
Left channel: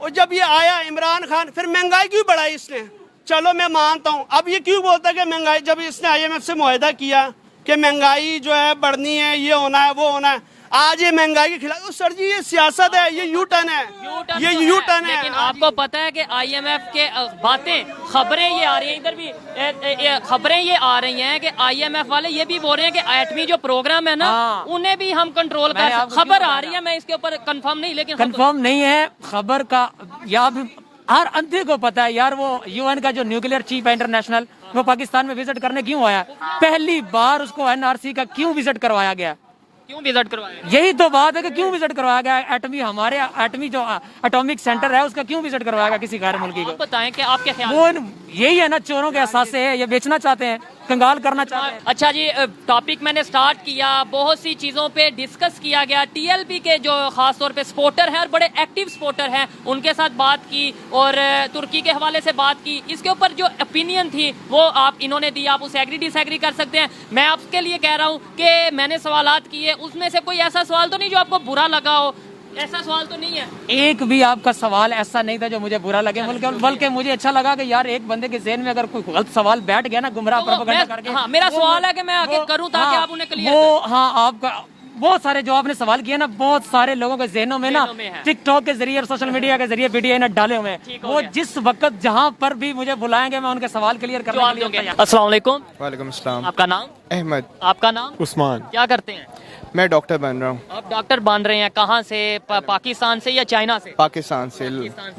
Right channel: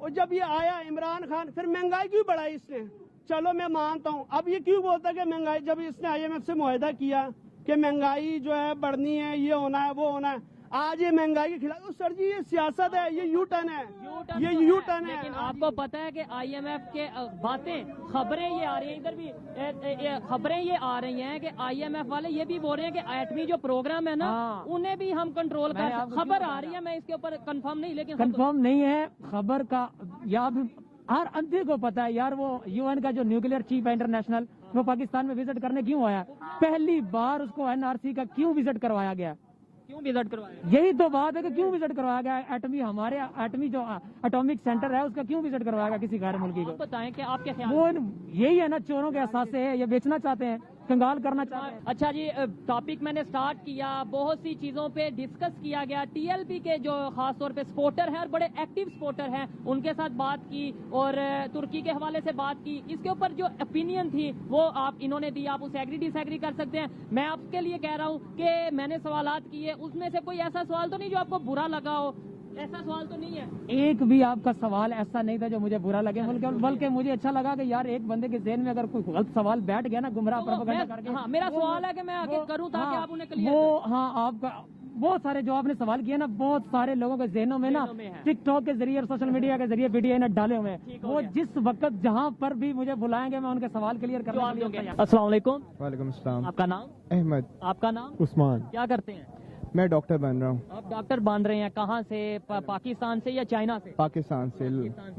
और जब ये आया इमरान खान, फिर महंगाई क्यों बढ़ाई इसने? चलो मैं मानता हूँ, अब ये क्यों बोलता है कि महंगाई, जब इसने IMF से मुआहदा किया कि महंगाई जो है बढ़नी है, ये होना है वो होना है, आज ये महंगाई के खिलाफ। सर जी ये सियासत है, ये यू टर्न है, ये यू टर्न है। लेकिन आपको पता है कि IMF के बातें, खबरें ये आ रही हैं, इधर भी खबरें ये आ रही हैं कि IMF वाले ये भी बोल रहे हैं कि एटमी जो प्रोग्राम है ना, उन्हें भी हम कंट्रोल कर सकते। खबर आ रही है, मैं इसके ऊपर कंफर्म नहीं, लेकिन कंफर्म नहीं है खबर का, या भी हर अंधे को पता है यार। वो UN का जो न्यूक्लियर चीफ है इंटरनेशनल, वो पाकिस्तान में विजिट करने क्यों आया? पहली बार उसको NRC का क्यों विजिट करवाया गया? क्यों विजिट करवाया? यही तो बात है कि क्यों विजिट करवाया गया? एटमी, हमारे एटमी जो एटॉमिक सेंटर है उसका क्यों विजिट करवाया गया किसी गैर मुल्की को? बताएं कि आपके ख्याल वो यही है ना, चोरों के एहसास से है, ये बेचना चाहते हैं, कंगाल करना चाहते हैं। अच्छा जी, टॉपिक मैंने स्टार्ट किया, बहुत सी चीज़ों पे डिस्कस किया गया। TLP के जो खास तौर पे सपोर्टर हैं और बड़े एक्टिव सपोर्टर हैं, उनके साथ बात की, और तुर्की के हवाले से बात की। इसके ऊपर जो ओपिनियन थी वो आप इन्होंने दी, आप उसे एग्री डिसएग्री कर सकते हैं। मैं आपके लिए कह रहा हूँ कि मैंने सवालात किए, उसमें से कोई ऐसा सवाल तो नहीं जो आपको बुरा लगा हो? ऐसा सवाल तो नहीं है? एक भी आपका सवाल ऐसा नहीं था जो मुझे बुरा लगे, बल्कि मुझे अच्छा लगा कि यार एक बंदे के ज़हन में अगर कोई गलत सवाल बैठ गया ना, गुमराह प्रोपेगेंडा करके, हाँ, मेरा सवाल है कि मैं आगे करूं ताकि आप उन्हें क्लियर वो, हाँ आपका बहुत सारे जो आपने सवाल किए ना, बहुत सारे लोगों के जहनों में ना टिकटॉक के जरिए और सोशल मीडिया के जरिए वीडियो ने डाले हुए हैं। वो जिस वक्त जहाँ पर भी मुझे बुलाएंगे मैं उनके सवाल क्लियर करने के लिए तैयार। अस्सलाम वालेकुम। वालेकुम अस्सलाम। आपका नाम? अहमद। आपका नाम? उस्मान। क्या करते हैं? मैं डॉक्टर बन रहा हूँ। आप डॉक्टर बन रहे हैं, कहाँ से? पाकिस्तान से या चाइना से? पाकिस्तान से।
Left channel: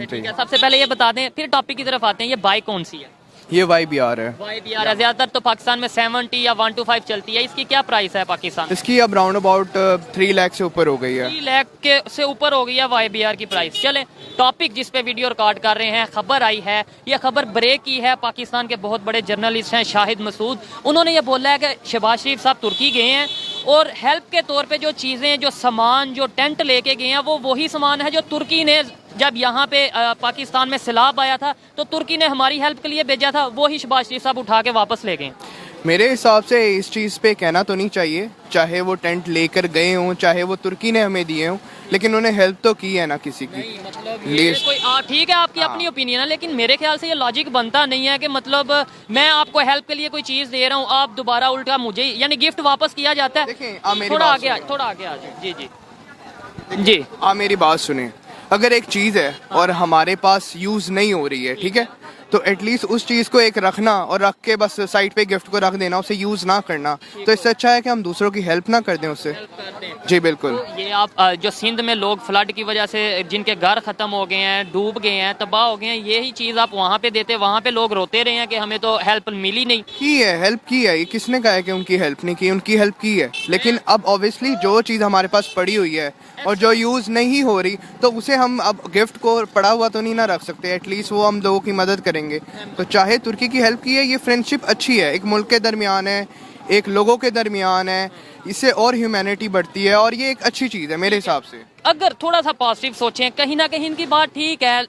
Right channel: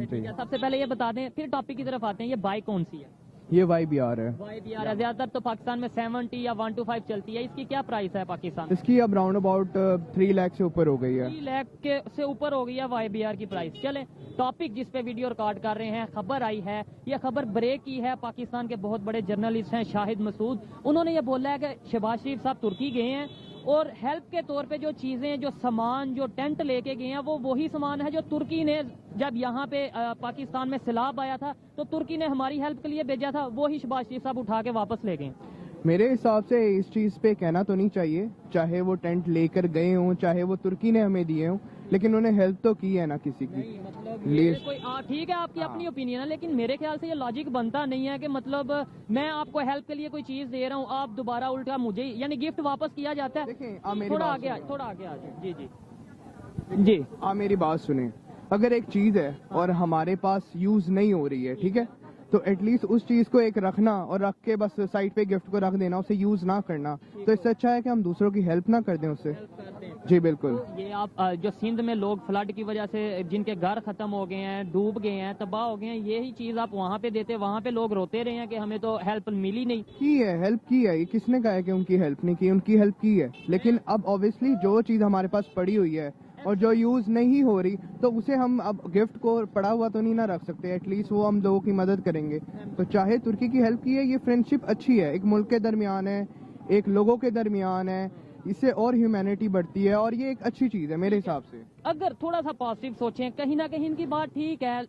ठीक है, सबसे पहले ये बता दें, फिर टॉपिक की तरफ आते हैं, ये बाइक कौन सी है? ये YBR है। YBR है। ज्यादातर तो पाकिस्तान में 70 या 125 चलती है, इसकी क्या प्राइस है पाकिस्तान? इसकी अब राउंड अबाउट 3 लाख से ऊपर हो गई है। 3 लाख के से ऊपर हो गई है YBR की प्राइस। चले टॉपिक जिस पे वीडियो रिकॉर्ड कर रहे हैं, खबर आई है, ये खबर ब्रेक की है। पाकिस्तान के बहुत बड़े जर्नलिस्ट हैं शाहिद मसूद, उन्होंने ये बोला है कि शहबाज शरीफ साहब तुर्की गए हैं और हेल्प के तौर पे जो चीज़ें, जो सामान, जो टेंट लेके गए हैं, वो वही सामान है जो तुर्की ने जब यहाँ पे पाकिस्तान में सैलाब आया था तो तुर्की ने हमारी हेल्प के लिए भेजा था, वो ही शहबाज शरीफ साहब उठा के वापस ले गए। मेरे हिसाब से इस चीज़ पे कहना तो नहीं चाहिए, चाहे वो टेंट लेकर गए हों, चाहे वो तुर्की ने हमें दिए हों, लेकिन उन्हें हेल्प तो की है ना किसी की। ठीक है, आपकी अपनी ओपिनियन है, लेकिन मेरे ख्याल से ये लॉजिक बनता नहीं है कि मतलब मैं आपको हेल्प के लिए कोई चीज़ दे रहा हूँ, आप दोबारा उल्टा मुझे, यानी गिफ्ट वापस किया जाता है। थोड़ा आगे आ जाए। जी जी जी, आप मेरी बात सुने। अगर एक चीज़ है और हमारे पास यूज़ नहीं हो रही है, ठीक है, तो एटलीस्ट उस चीज़ को एक रखना और रख के बस साइड पे गिफ्ट को रख देना, उसे यूज़ ना करना, तो इससे अच्छा है कि हम दूसरों की हेल्प ना कर दें उससे। जी बिल्कुल। तो ये आप जो सिंध में लोग फ्लड की वजह से जिनके घर ख़त्म हो गए हैं, डूब गए हैं, तबाह हो गए हैं, यही चीज़ आप वहाँ पे देते, वहाँ पे लोग रोते रहे हैं कि हमें तो हेल्प मिली नहीं। की है, हेल्प की है, ये किसने कहा है कि उनकी हेल्प नहीं की? उनकी हेल्प की है, लेकिन अब ऑब्वियसली जो चीज़ हमारे पास पड़ी हुई है और जो यूज़ नहीं हो रही, तो उसे हम अब गिफ्ट को पड़ा हुआ तो नहीं ना रख सकते, एटलीस्ट वो हम लोगों की मदद करेंगे। तो चाहे तुर्की की हेल्प की है, ये फ्रेंडशिप अच्छी है, एक मुल्क के दरमियान है, एक लोगों के दरमियान है, इससे और ह्यूमैनिटी बढ़ती है और ये एक अच्छी चीज़ है मेरे हिसाब से। अगर थोड़ा सा पॉजिटिव सोचें, कहीं ना कहीं इनकी बात ठीक है।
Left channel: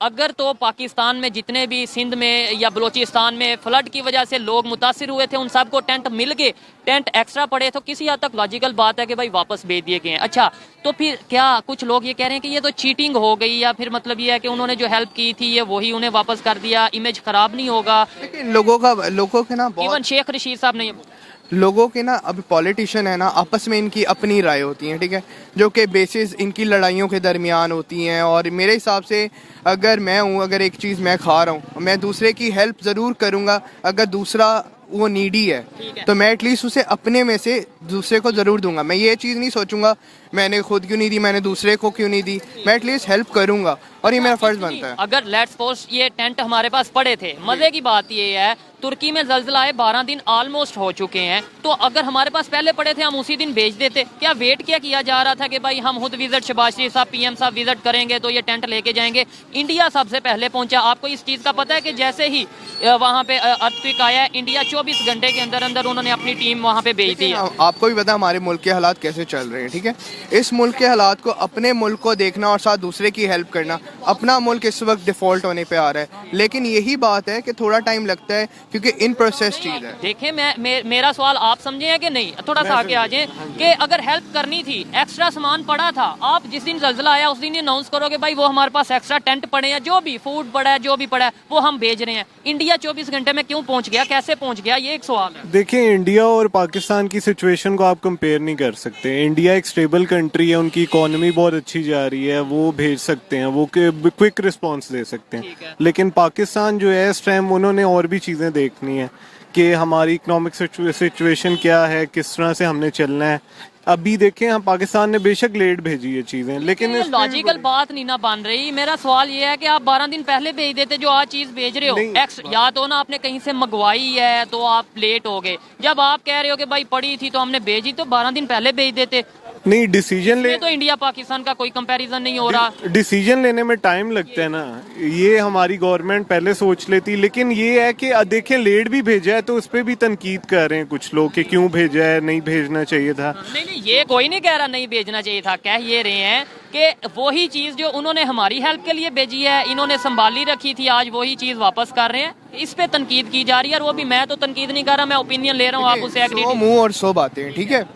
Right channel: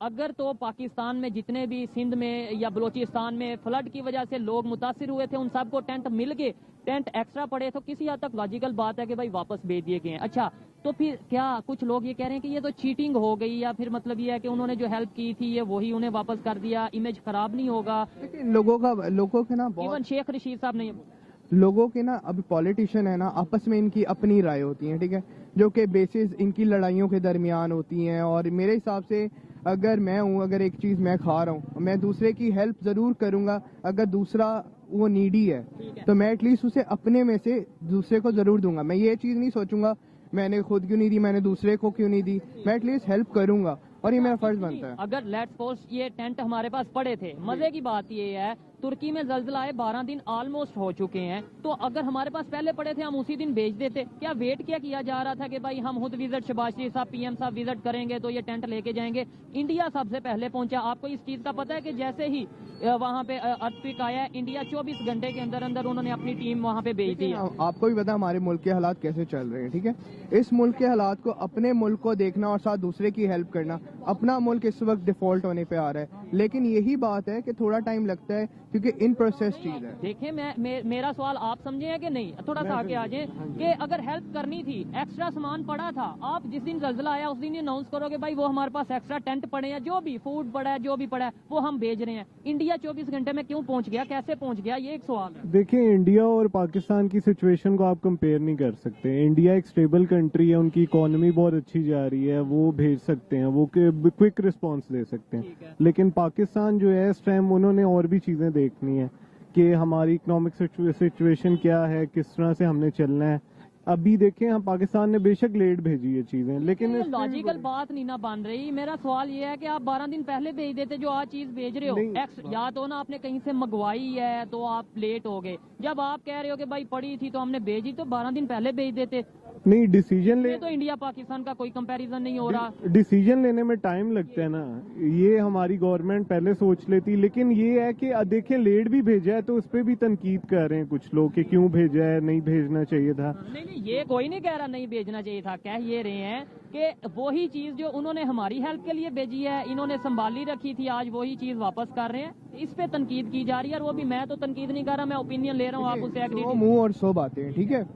अगर तो पाकिस्तान में जितने भी सिंध में या बलूचिस्तान में फ्लड की वजह से लोग मुतासिर हुए थे, उन सबको टेंट मिल गए, टेंट एक्स्ट्रा पड़े, तो किसी हद तक लॉजिकल बात है कि भाई वापस भेज दिए गए हैं। अच्छा, तो फिर क्या कुछ लोग ये कह रहे हैं कि ये तो चीटिंग हो गई, या फिर मतलब ये है कि उन्होंने जो हेल्प की थी ये वही उन्हें वापस कर दिया, इमेज खराब नहीं होगा? लेकिन लोगों के ना इवन शेख रशीद साहब ने लोगों के ना अभी पॉलिटिशियन है ना, आपस में इनकी अपनी राय होती है, ठीक है, जो कि बेसिस इनकी लड़ाइयों के दरमियान होती हैं। और मेरे हिसाब से अगर मैं हूँ, अगर एक चीज़ मैं खा रहा हूँ, मैं दूसरे की हेल्प ज़रूर करूँगा। अगर दूसरा वो नीडी है तो मैं एटलीस्ट उसे अपने में से दूसरे को ज़रूर दूंगा। मैं ये चीज़ नहीं सोचूंगा मैंने खुद क्यों नहीं दी, मैंने दूसरे को क्यों नहीं दी, मैं एटलीस्ट हेल्प करूंगा और ये मेरा फर्ज बनता है। अगर लेट्स सपोज ये टेंट हमारे पास पड़े थे, मजे की बात ये है तुर्की में जल्जला आए 12 दिन ऑलमोस्ट हो चुके हैं, तो अगर हमारे पास पहले पड़े थे हम उसी दिन भेज देते। क्या वेट क्या किया जा रहा था कि भाई हम खुद विजिट शहबाज शरीफ साहब पीएम साहब विजिट करेंगे तो ये टेंट लेके जाएंगे? इंडिया सबसे पहले पहुंचा। आपको इस चीज का पता है कि जैसे ही वहाँ पे अर्थक्वेक आया, इंडिया 24 घंटे के अंदर अंदर उन्होंने अपनी टीम वहाँ पे भेज दी है। आपको भी पता है हमारे मुल्क के हालात कैसे चल रहे हैं, ठीक है। इस मुल्क के हालात को, अपने मुल्क को देखना और साथ दूसरे की हेल्प करना, अपना मुल्क इस वक्त डिफॉल्ट होने पे आ रहा है। लेकिन यही बात है कि थोड़ा टाइम लगता है क्योंकि इन प्रोसेस चीज है। देखें, मेरा सवाल आप समझे हैं कि नहीं? थोड़ा सा आगे आ जाए कि अगर हेल्प करनी थी, एक्स्ट्रा सामान पड़ा था, आप जिस दिन जल्जला आया उस दिन अनाउंस करोगे भाई वो हमारे पास एक्स्ट्रा टेंट पड़े हैं, जो भी फूड पड़ा है, जो भी पड़ा है वो हम भेज रहे हैं। इंडिया 24 घंटे में क्यों पहुंच गया, कैसे पहुंच गया, ये एक सवाल है। देखिए, इंडिया और पाकिस्तान की सिचुएशन को आप कंपेयर नहीं कर सकते। इंडिया एक स्टेबल कंट्री है, उनकी इकोनॉमी बहुत अच्छी जा रही है, वो भेज सकते हैं, वो क्विक रिस्पॉन्स दे सकते हैं। लेकिन पाकिस्तान जो है इस टाइम उन्होंने और भी चीज़ें देखनी है कि हमारी इकोनॉमिक सिचुएशन क्या है, किस तरह से हमने चलना है। अभी देखें, हम पाकिस्तान ने बेशक लेट भेजी है चीजें, लेकिन लॉजिकल बात नहीं ना बन रही। मेरा सवाल ये है कि आप 12 दिन पहले भेज देते जो आज चीज भेज रहे हो, या तो ना आपने कहीं से मंगवाई है तो आप लेट हो गए। जब आप कह रहे हो कि भाई पड़ी थी तो हमने भेजी, तो 12 दिन पहले भेज देते। नहीं, डिसीजन ले तो इंडिया पाकिस्तान का कोई कंपैरिजन नहीं हो रहा। डिसीजन लेने में टाइम लगता है ना, ये हमारी गवर्नमेंट पहले सोच लेती। लेकिन ये है कि देखें, लेट भी भेजा है तो उस पर भी तनकीद कर रहे हैं कुछ लोग कि क्यों भेजा है, नहीं भेजना चाहिए था। नहीं, ये कोई नहीं कह रहा नहीं भेजना चाहिए था। कह ये रहे हैं कि वही चीज जो उन्होंने हमारी हेल्प के लिए भेजी है, इन्होंने संभाली रखी थी, आज वही चीज वापस कर रहे हैं। इस पे तनकीद की जा रही है, और वो भी मैं तो तनकीद नहीं कर रहा, मैं ओपिनियन ले रहा हूँ, आप उसे एग्री। मुंह और 100 बातें, ठीक है।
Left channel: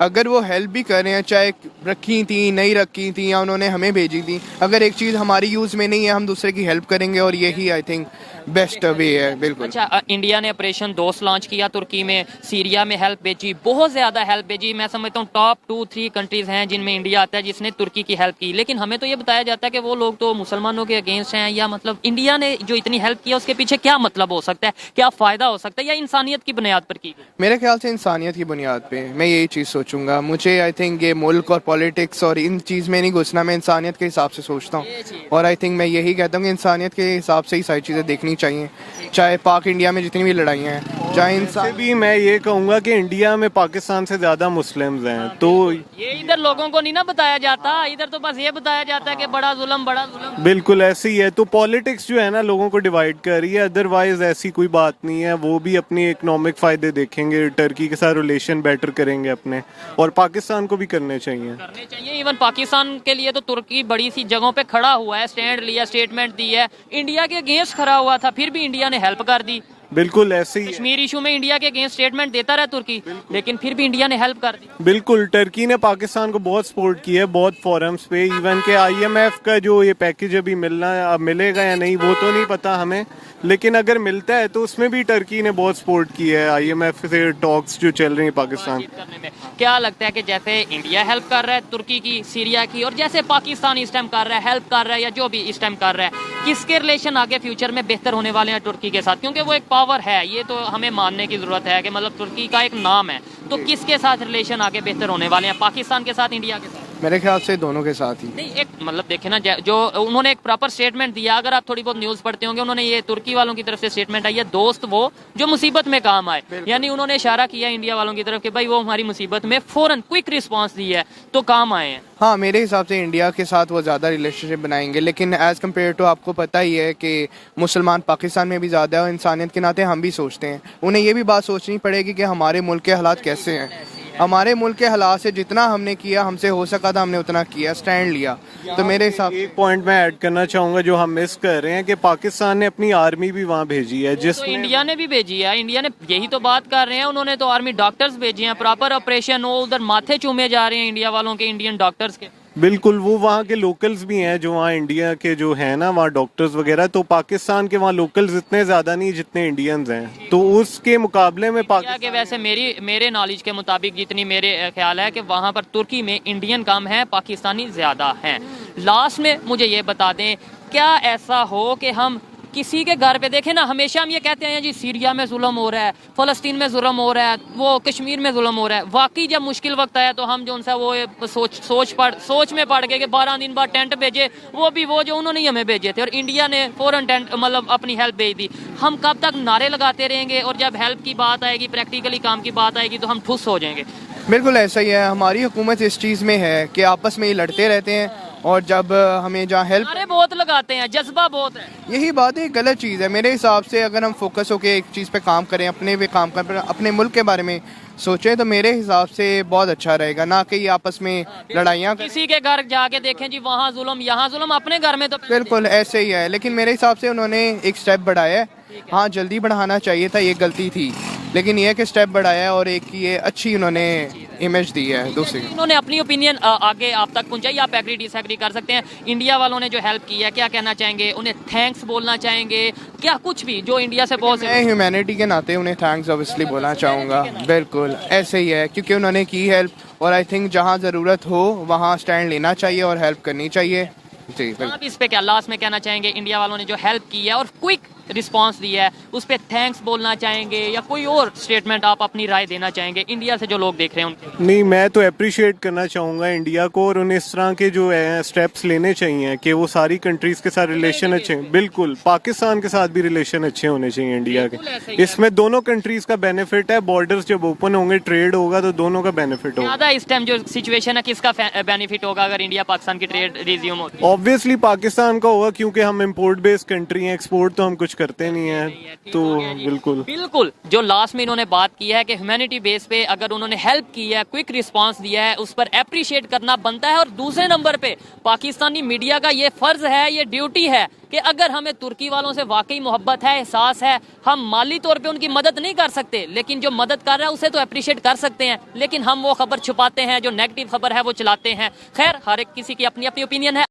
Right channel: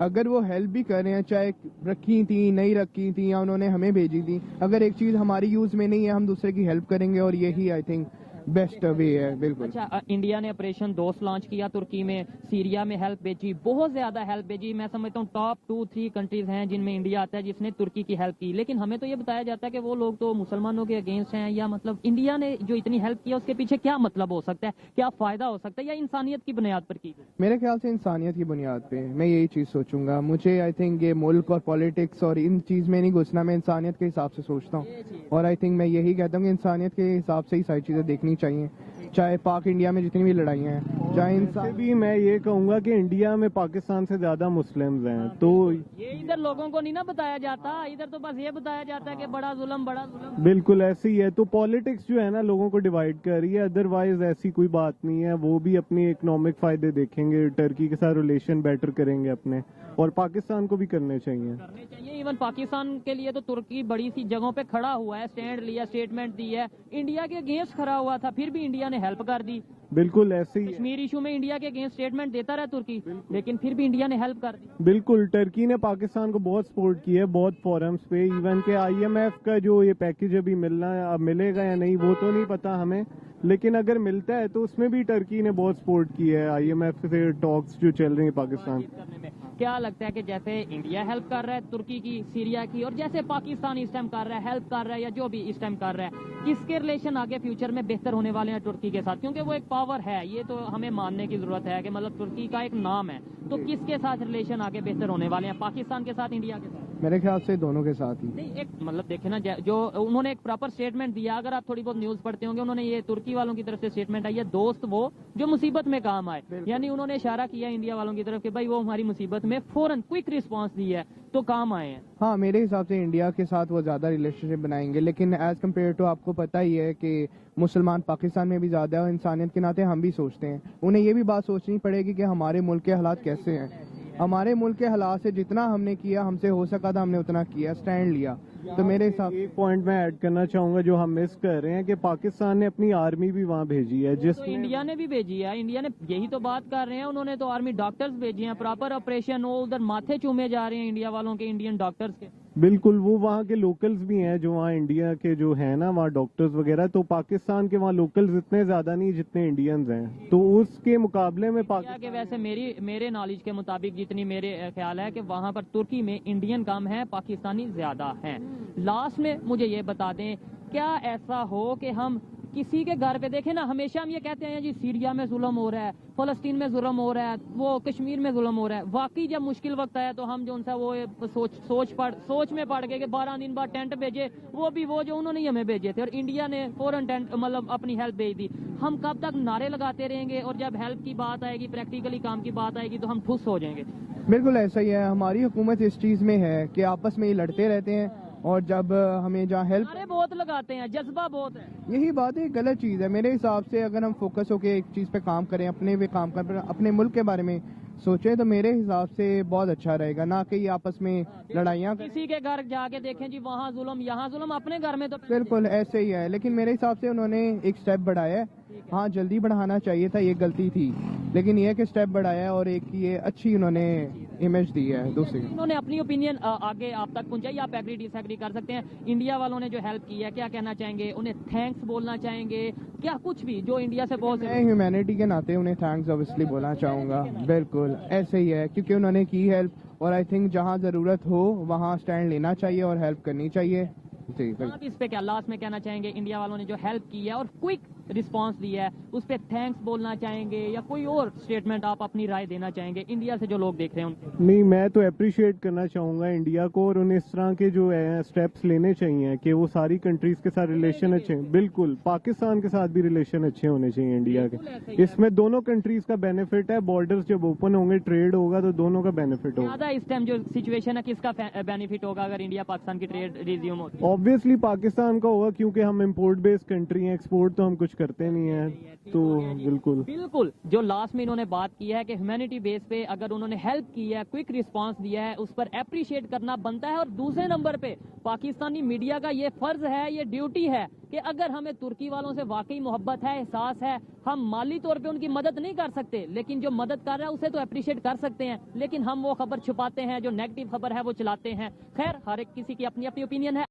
अगर वो हेल्प भी कर रहे हैं, चाहे रखी थी, नहीं रखी थी, या उन्होंने हमें भेजी थी, अगर एक चीज़ हमारी यूज़ में नहीं है, हम दूसरे की हेल्प करेंगे, और यही आई थिंक बेस्ट वे है। बिल्कुल। अच्छा, इंडिया ने ऑपरेशन दोस्त लॉन्च किया तुर्की में, सीरिया में हेल्प भेजी, बहुत ज्यादा हेल्प भेजी। मैं समझता हूँ टॉप 2-3 कंट्रीज हैं जिनमें इंडिया आता है जिसने तुर्की की हेल्प की। लेकिन हमें तो ये बताया जाता है कि वो लोग तो मुसलमानों के अगेंस्ट हैं, या मतलब इंडिया ने जो इतनी हेल्प की है उसके पीछे क्या मतलब हो सकता है, क्या फायदा हो सकता है, या इंसानियत की बुनियाद पर की? मेरे ख्याल से इंसानियत की बुनियाद पे मैं यही चीज़ सोचूंगा। मुझे आई थिंक ये मुल्क और पॉलिटिक्स और इन चीज़ में नहीं घुसना, मैं इंसानियत के हिसाब से सोचता हूँ। और आई थिंक मैं यही कहता हूँ कि इंसानियत के हिसाब से ही सारी चीज़ें देखनी चाहिए, चाहे पाक इंडिया में जितनी भी लड़ाइयाँ हैं, चाहे इंसान भी। मैं ये कहूँगा कि इंडिया में पाकिस्तान से ज़्यादा मुस्लिम्स हैं, तो ये इधर लोगों को नहीं ना बताया जाता। इधर तो बस ये बताया जाता है कि बड़ा जुल्म, बड़ा जुल्म। बिल्कुल ऐसे ही है। तो पॉलिटिक्स जो है ना लोगों को डिवाइड कर रही है, अदरवाइज ऐसी कोई बात नहीं है। वो भी अपनी इकोनॉमिक फ़ायदे देखेंगे, टर्की के साथ रिलेशन बेटर करेंगे अपने, और पाकिस्तान को भी करने चाहिए। इवन पाकिस्तान के लिए तो तुर्की बड़ी सी जगहों पे खड़ा हुआ है, स्टैंड लिया, स्टेटमेंट दी है, इंडिया के अगेंस्ट खड़ा हुआ था, फिर भी इंडिया ने हेल्प कर दी। बिल्कुल ऐसे ही। कश्मीर इशू में इंडिया के अगेंस्ट स्टेटमेंट देता रहा तुर्की, लेकिन फिर भी इंडिया ने हेल्प कर दी। बिल्कुल, टर्की ने पाकिस्तान को बहुत सपोर्ट किया है, बहुत फोरम्स पे। इवन के IMF का जो ये पैकेज अभी अब मिलेगा या नहीं वो तो नहीं पता हमें, लेकिन अगर मिलता है तो उसमें भी टर्की ने बहुत सपोर्ट किया है। IMF से टॉक्स जो चल रही है पाकिस्तान करने में। क्या लगता है कि जैसे इंडिया हेल्प कर रहा है तुर्की की, सीरिया की, और जैसे पाकिस्तान इस टाइम कर रहा है, हेल्प कर रहा है, या जो भी इस टाइम कर रहा है, किसके रिलेशन आगे फ्यूचर में बेहतर होने वाले हैं तुर्की के साथ? क्योंकि वो एक पावर है, ये तो हमें मानने की जरूरत है कि मतलब तुर्की का एक नाम है, तो किसके साथ रिलेशन आगे बेहतर होने वाले हैं, पाकिस्तान के साथ, इंडिया के साथ? मेरे ख्याल से दोनों के साथ ही। नहीं, एक मतलब देखे ना, जो उन्होंने एक प्रॉपर स्टेटमेंट दिया, अगर आप थोड़ी बहुत न्यूज पढ़ते होंगे, उन्होंने ये तुर्की वालों की तरफ से स्टेटमेंट आई है, दोस्त वो जो मुसीबत में काम आए, यानी उन्होंने इशारा किया इंडिया वालों की तरफ कि भाई वो हमारी मुसीबत में फौरन क्विक रिस्पांस दी है तो काम आए हैं। हाँ, मेरे हिसाब से इंडिया के साथ वो ज़्यादा रिलेशनशिप बनाएंगे, लेकिन एज़ कम्पेयर टू आपको पता ही है कि मुसलमान पाकिस्तान में भी ज़्यादा है, और इंसानियत के नाते हम भी सोचते हैं, उन्हें ये भी बात सोचनी पड़ेगी कि हमारे मुल्क के हालात कैसे हैं। हमारे मुल्क के हालात से जितना हमने किया, हमसे हो सका था हमने उतना किया, स्टैंड लिया। तो मेरे हिसाब एक पॉइंट मैं ऐड करना चाहूंगा जो हम मिस कर रहे हैं कि पाकिस्तान ने अपनी आर्मी भी वहाँ भेजी है तो जिसमें इंडिया ने भी भेजी है, इंडिया ने यही तो बात कर रहे हैं, उन्होंने तो आर्मी डॉक्टर्स भेजे हैं, प्रॉपर ऑपरेशन हो, उधर माथे चूमे जा रहे हैं इंडिया वालों के, इंडियन डॉक्टर्स के। बिल्कुल वो वहाँ के लोकल्स भी हैं जो वहाँ इंडिया के जो है ना वहाँ डॉक्टर्स वगैरह, तो पाकिस्तान के वहाँ लोकल्स इतने ज्यादा नहीं जितने इंडियंस हैं, तो उसके मुकाबले में इंडिया के वैसे मेरे नॉलेज के मुताबिक जितनी मेरे ख्याल है कि वहाँ पर तुर्की में इंडियन कम है, पाकिस्तानी ज्यादा हैं। लास्ट में मुझे ये बता दें, क्या ऐसा हो कि हम किसी के घर पे देखें ना, हमेशा हम ये कहते हैं जी सीरिया में जुल्म हो रहा है, फलस्तीन में जुल्म हो रहा है, वो कश्मीर में जुल्म हो रहा है, वाकई जब मुश्किल वक्त आया तो हम जो उनसे वो सोच में पड़ गए कि 12 दिन बाद टेंट भेजे, वो भी वो जो उन्होंने ही हमें भेजे थे, और इंडिया ने फौरन टेंट मतलब अपनी हेल्प भेज दी। हम कब तक नारे लगाते रहेंगे, और जब हेल्प की बात आएगी, प्रैक्टिकली काम की बात आएगी, तो हम ठुस हो जाएंगे। बिल्कुल ऐसा ही है, हमारी हुकूमत इस चीज़ में है कि आपस में ही लड़ते रहते हैं, और जब हमें जहाँ हेल्प नारे बहुत लगाते हैं, जज्बा बहुत है। यही बात है, गलत चीज़ है मेरे हिसाब से। अगर हम फोकस होकर एक चीज़ पे काम करें, अपने पे काम करें, अपने मुल्क के बारे में सोचें, तो मेरे हिसाब से बहुत अच्छा रहेगा, ना कि ये आपस में लड़ाइयाँ। किसी के घर जाके देखें जी वहाँ जुल्म यहाँ जुल्म, अपने घर में तो बिल्कुल ऐसे ही है, लेकिन मेरे हिसाब से उन्होंने एक स्टेप बढ़ाया है। हाँ, जल्दी बढ़ाना चाहिए था, ये गलती थी, लेकिन ये कि स्टेप बढ़ाया है और एक ये अच्छी उन्होंने इमेज दी है दूसरी। उन्होंने अपनी ओपिनियन आगे आप तक पहुंचाई, आप एग्री डिसएग्री कर सकते हैं। इंडिया वालों ने जो हेल्प की है, क्या कहना चाहेंगे, उन्हें थैंक्स बोलना चाहेंगे, क्या कुछ भी जो इंडिया से बहुत मैं ह्यूमैनिटी के नाते उन्हें थैंक्स ऑब्वियसली बोलना चाहूँगा। बिल्कुल ऐसे ही है, क्योंकि उन्होंने की हेल्प, और आई थिंक जहाँ ज़रूरत हो वहाँ स्टैंड लेना चाहिए और हेल्प करनी चाहिए। जी आप इस पे क्या लास्ट में कहना चाहेंगे, इंडिया वालों ने जो हेल्प की है और क्विक रिस्पांस दिया है, उस पे थैंक्स बोलना चाहेंगे, या कोई और स्टेटमेंट आप अपनी राय देना चाहेंगे इंडिया से जो लोग देख रहे हैं उनके? नहीं, मैं तो अप्रिशिएट करना चाहूँगा इंडिया को, और उन्हें इस तरह के जो है स्टेप्स लेने चाहिए कि वो सारी कंट्रीज के साथ रिलेशन अच्छे, बिल्कुल पाकिस्तान के साथ भी रिलेशन अच्छे होने चाहिए इंडिया के। इसमें दोनों कंट्रीज का बेनिफिट है, बॉर्डर्स जब ओपन होंगे, ट्रेड होगा, तो दोनों का बेनिफिट होगा। ज़्यादा इस टाइम जो सिचुएशन है, किसका बेनिफिट होगा अगर इंडिया पाकिस्तान की ट्रेड रिज्यूम होती है? ऑब्वियसली पाकिस्तान का होगा, क्योंकि हम इम्पोर्ट बेस्ड कंट्री हैं, एक्सपोर्ट तो हम कुछ करते नहीं हैं, तो बिल्कुल जो लास्ट में इन्होंने बात की है कि ह्यूमैनिटी बेस पे अगर उन्होंने हेल्प की है, क्विक रिस्पांस दिया है, उस पर अप्रिशिएट करना बनता है। और दूसरे नंबर पे पाकिस्तानी मीडिया का ये फर्ज है, ये ड्यूटी है कि अगर हमें तुर्की वालों से वाकई मोहब्बत है, एहसास है, हम माली तौर पे उनकी मदद नहीं कर सकते, लेकिन जो मदद कर रहा है उसे तो अप्रिशिएट कर सकते हैं, लेकिन हम वो खबर छुपाते हैं, जो नेगेटिव खबर है वो चलाते हैं। खैर, हर एक किसी की अपनी अपनी ओपिनियन है।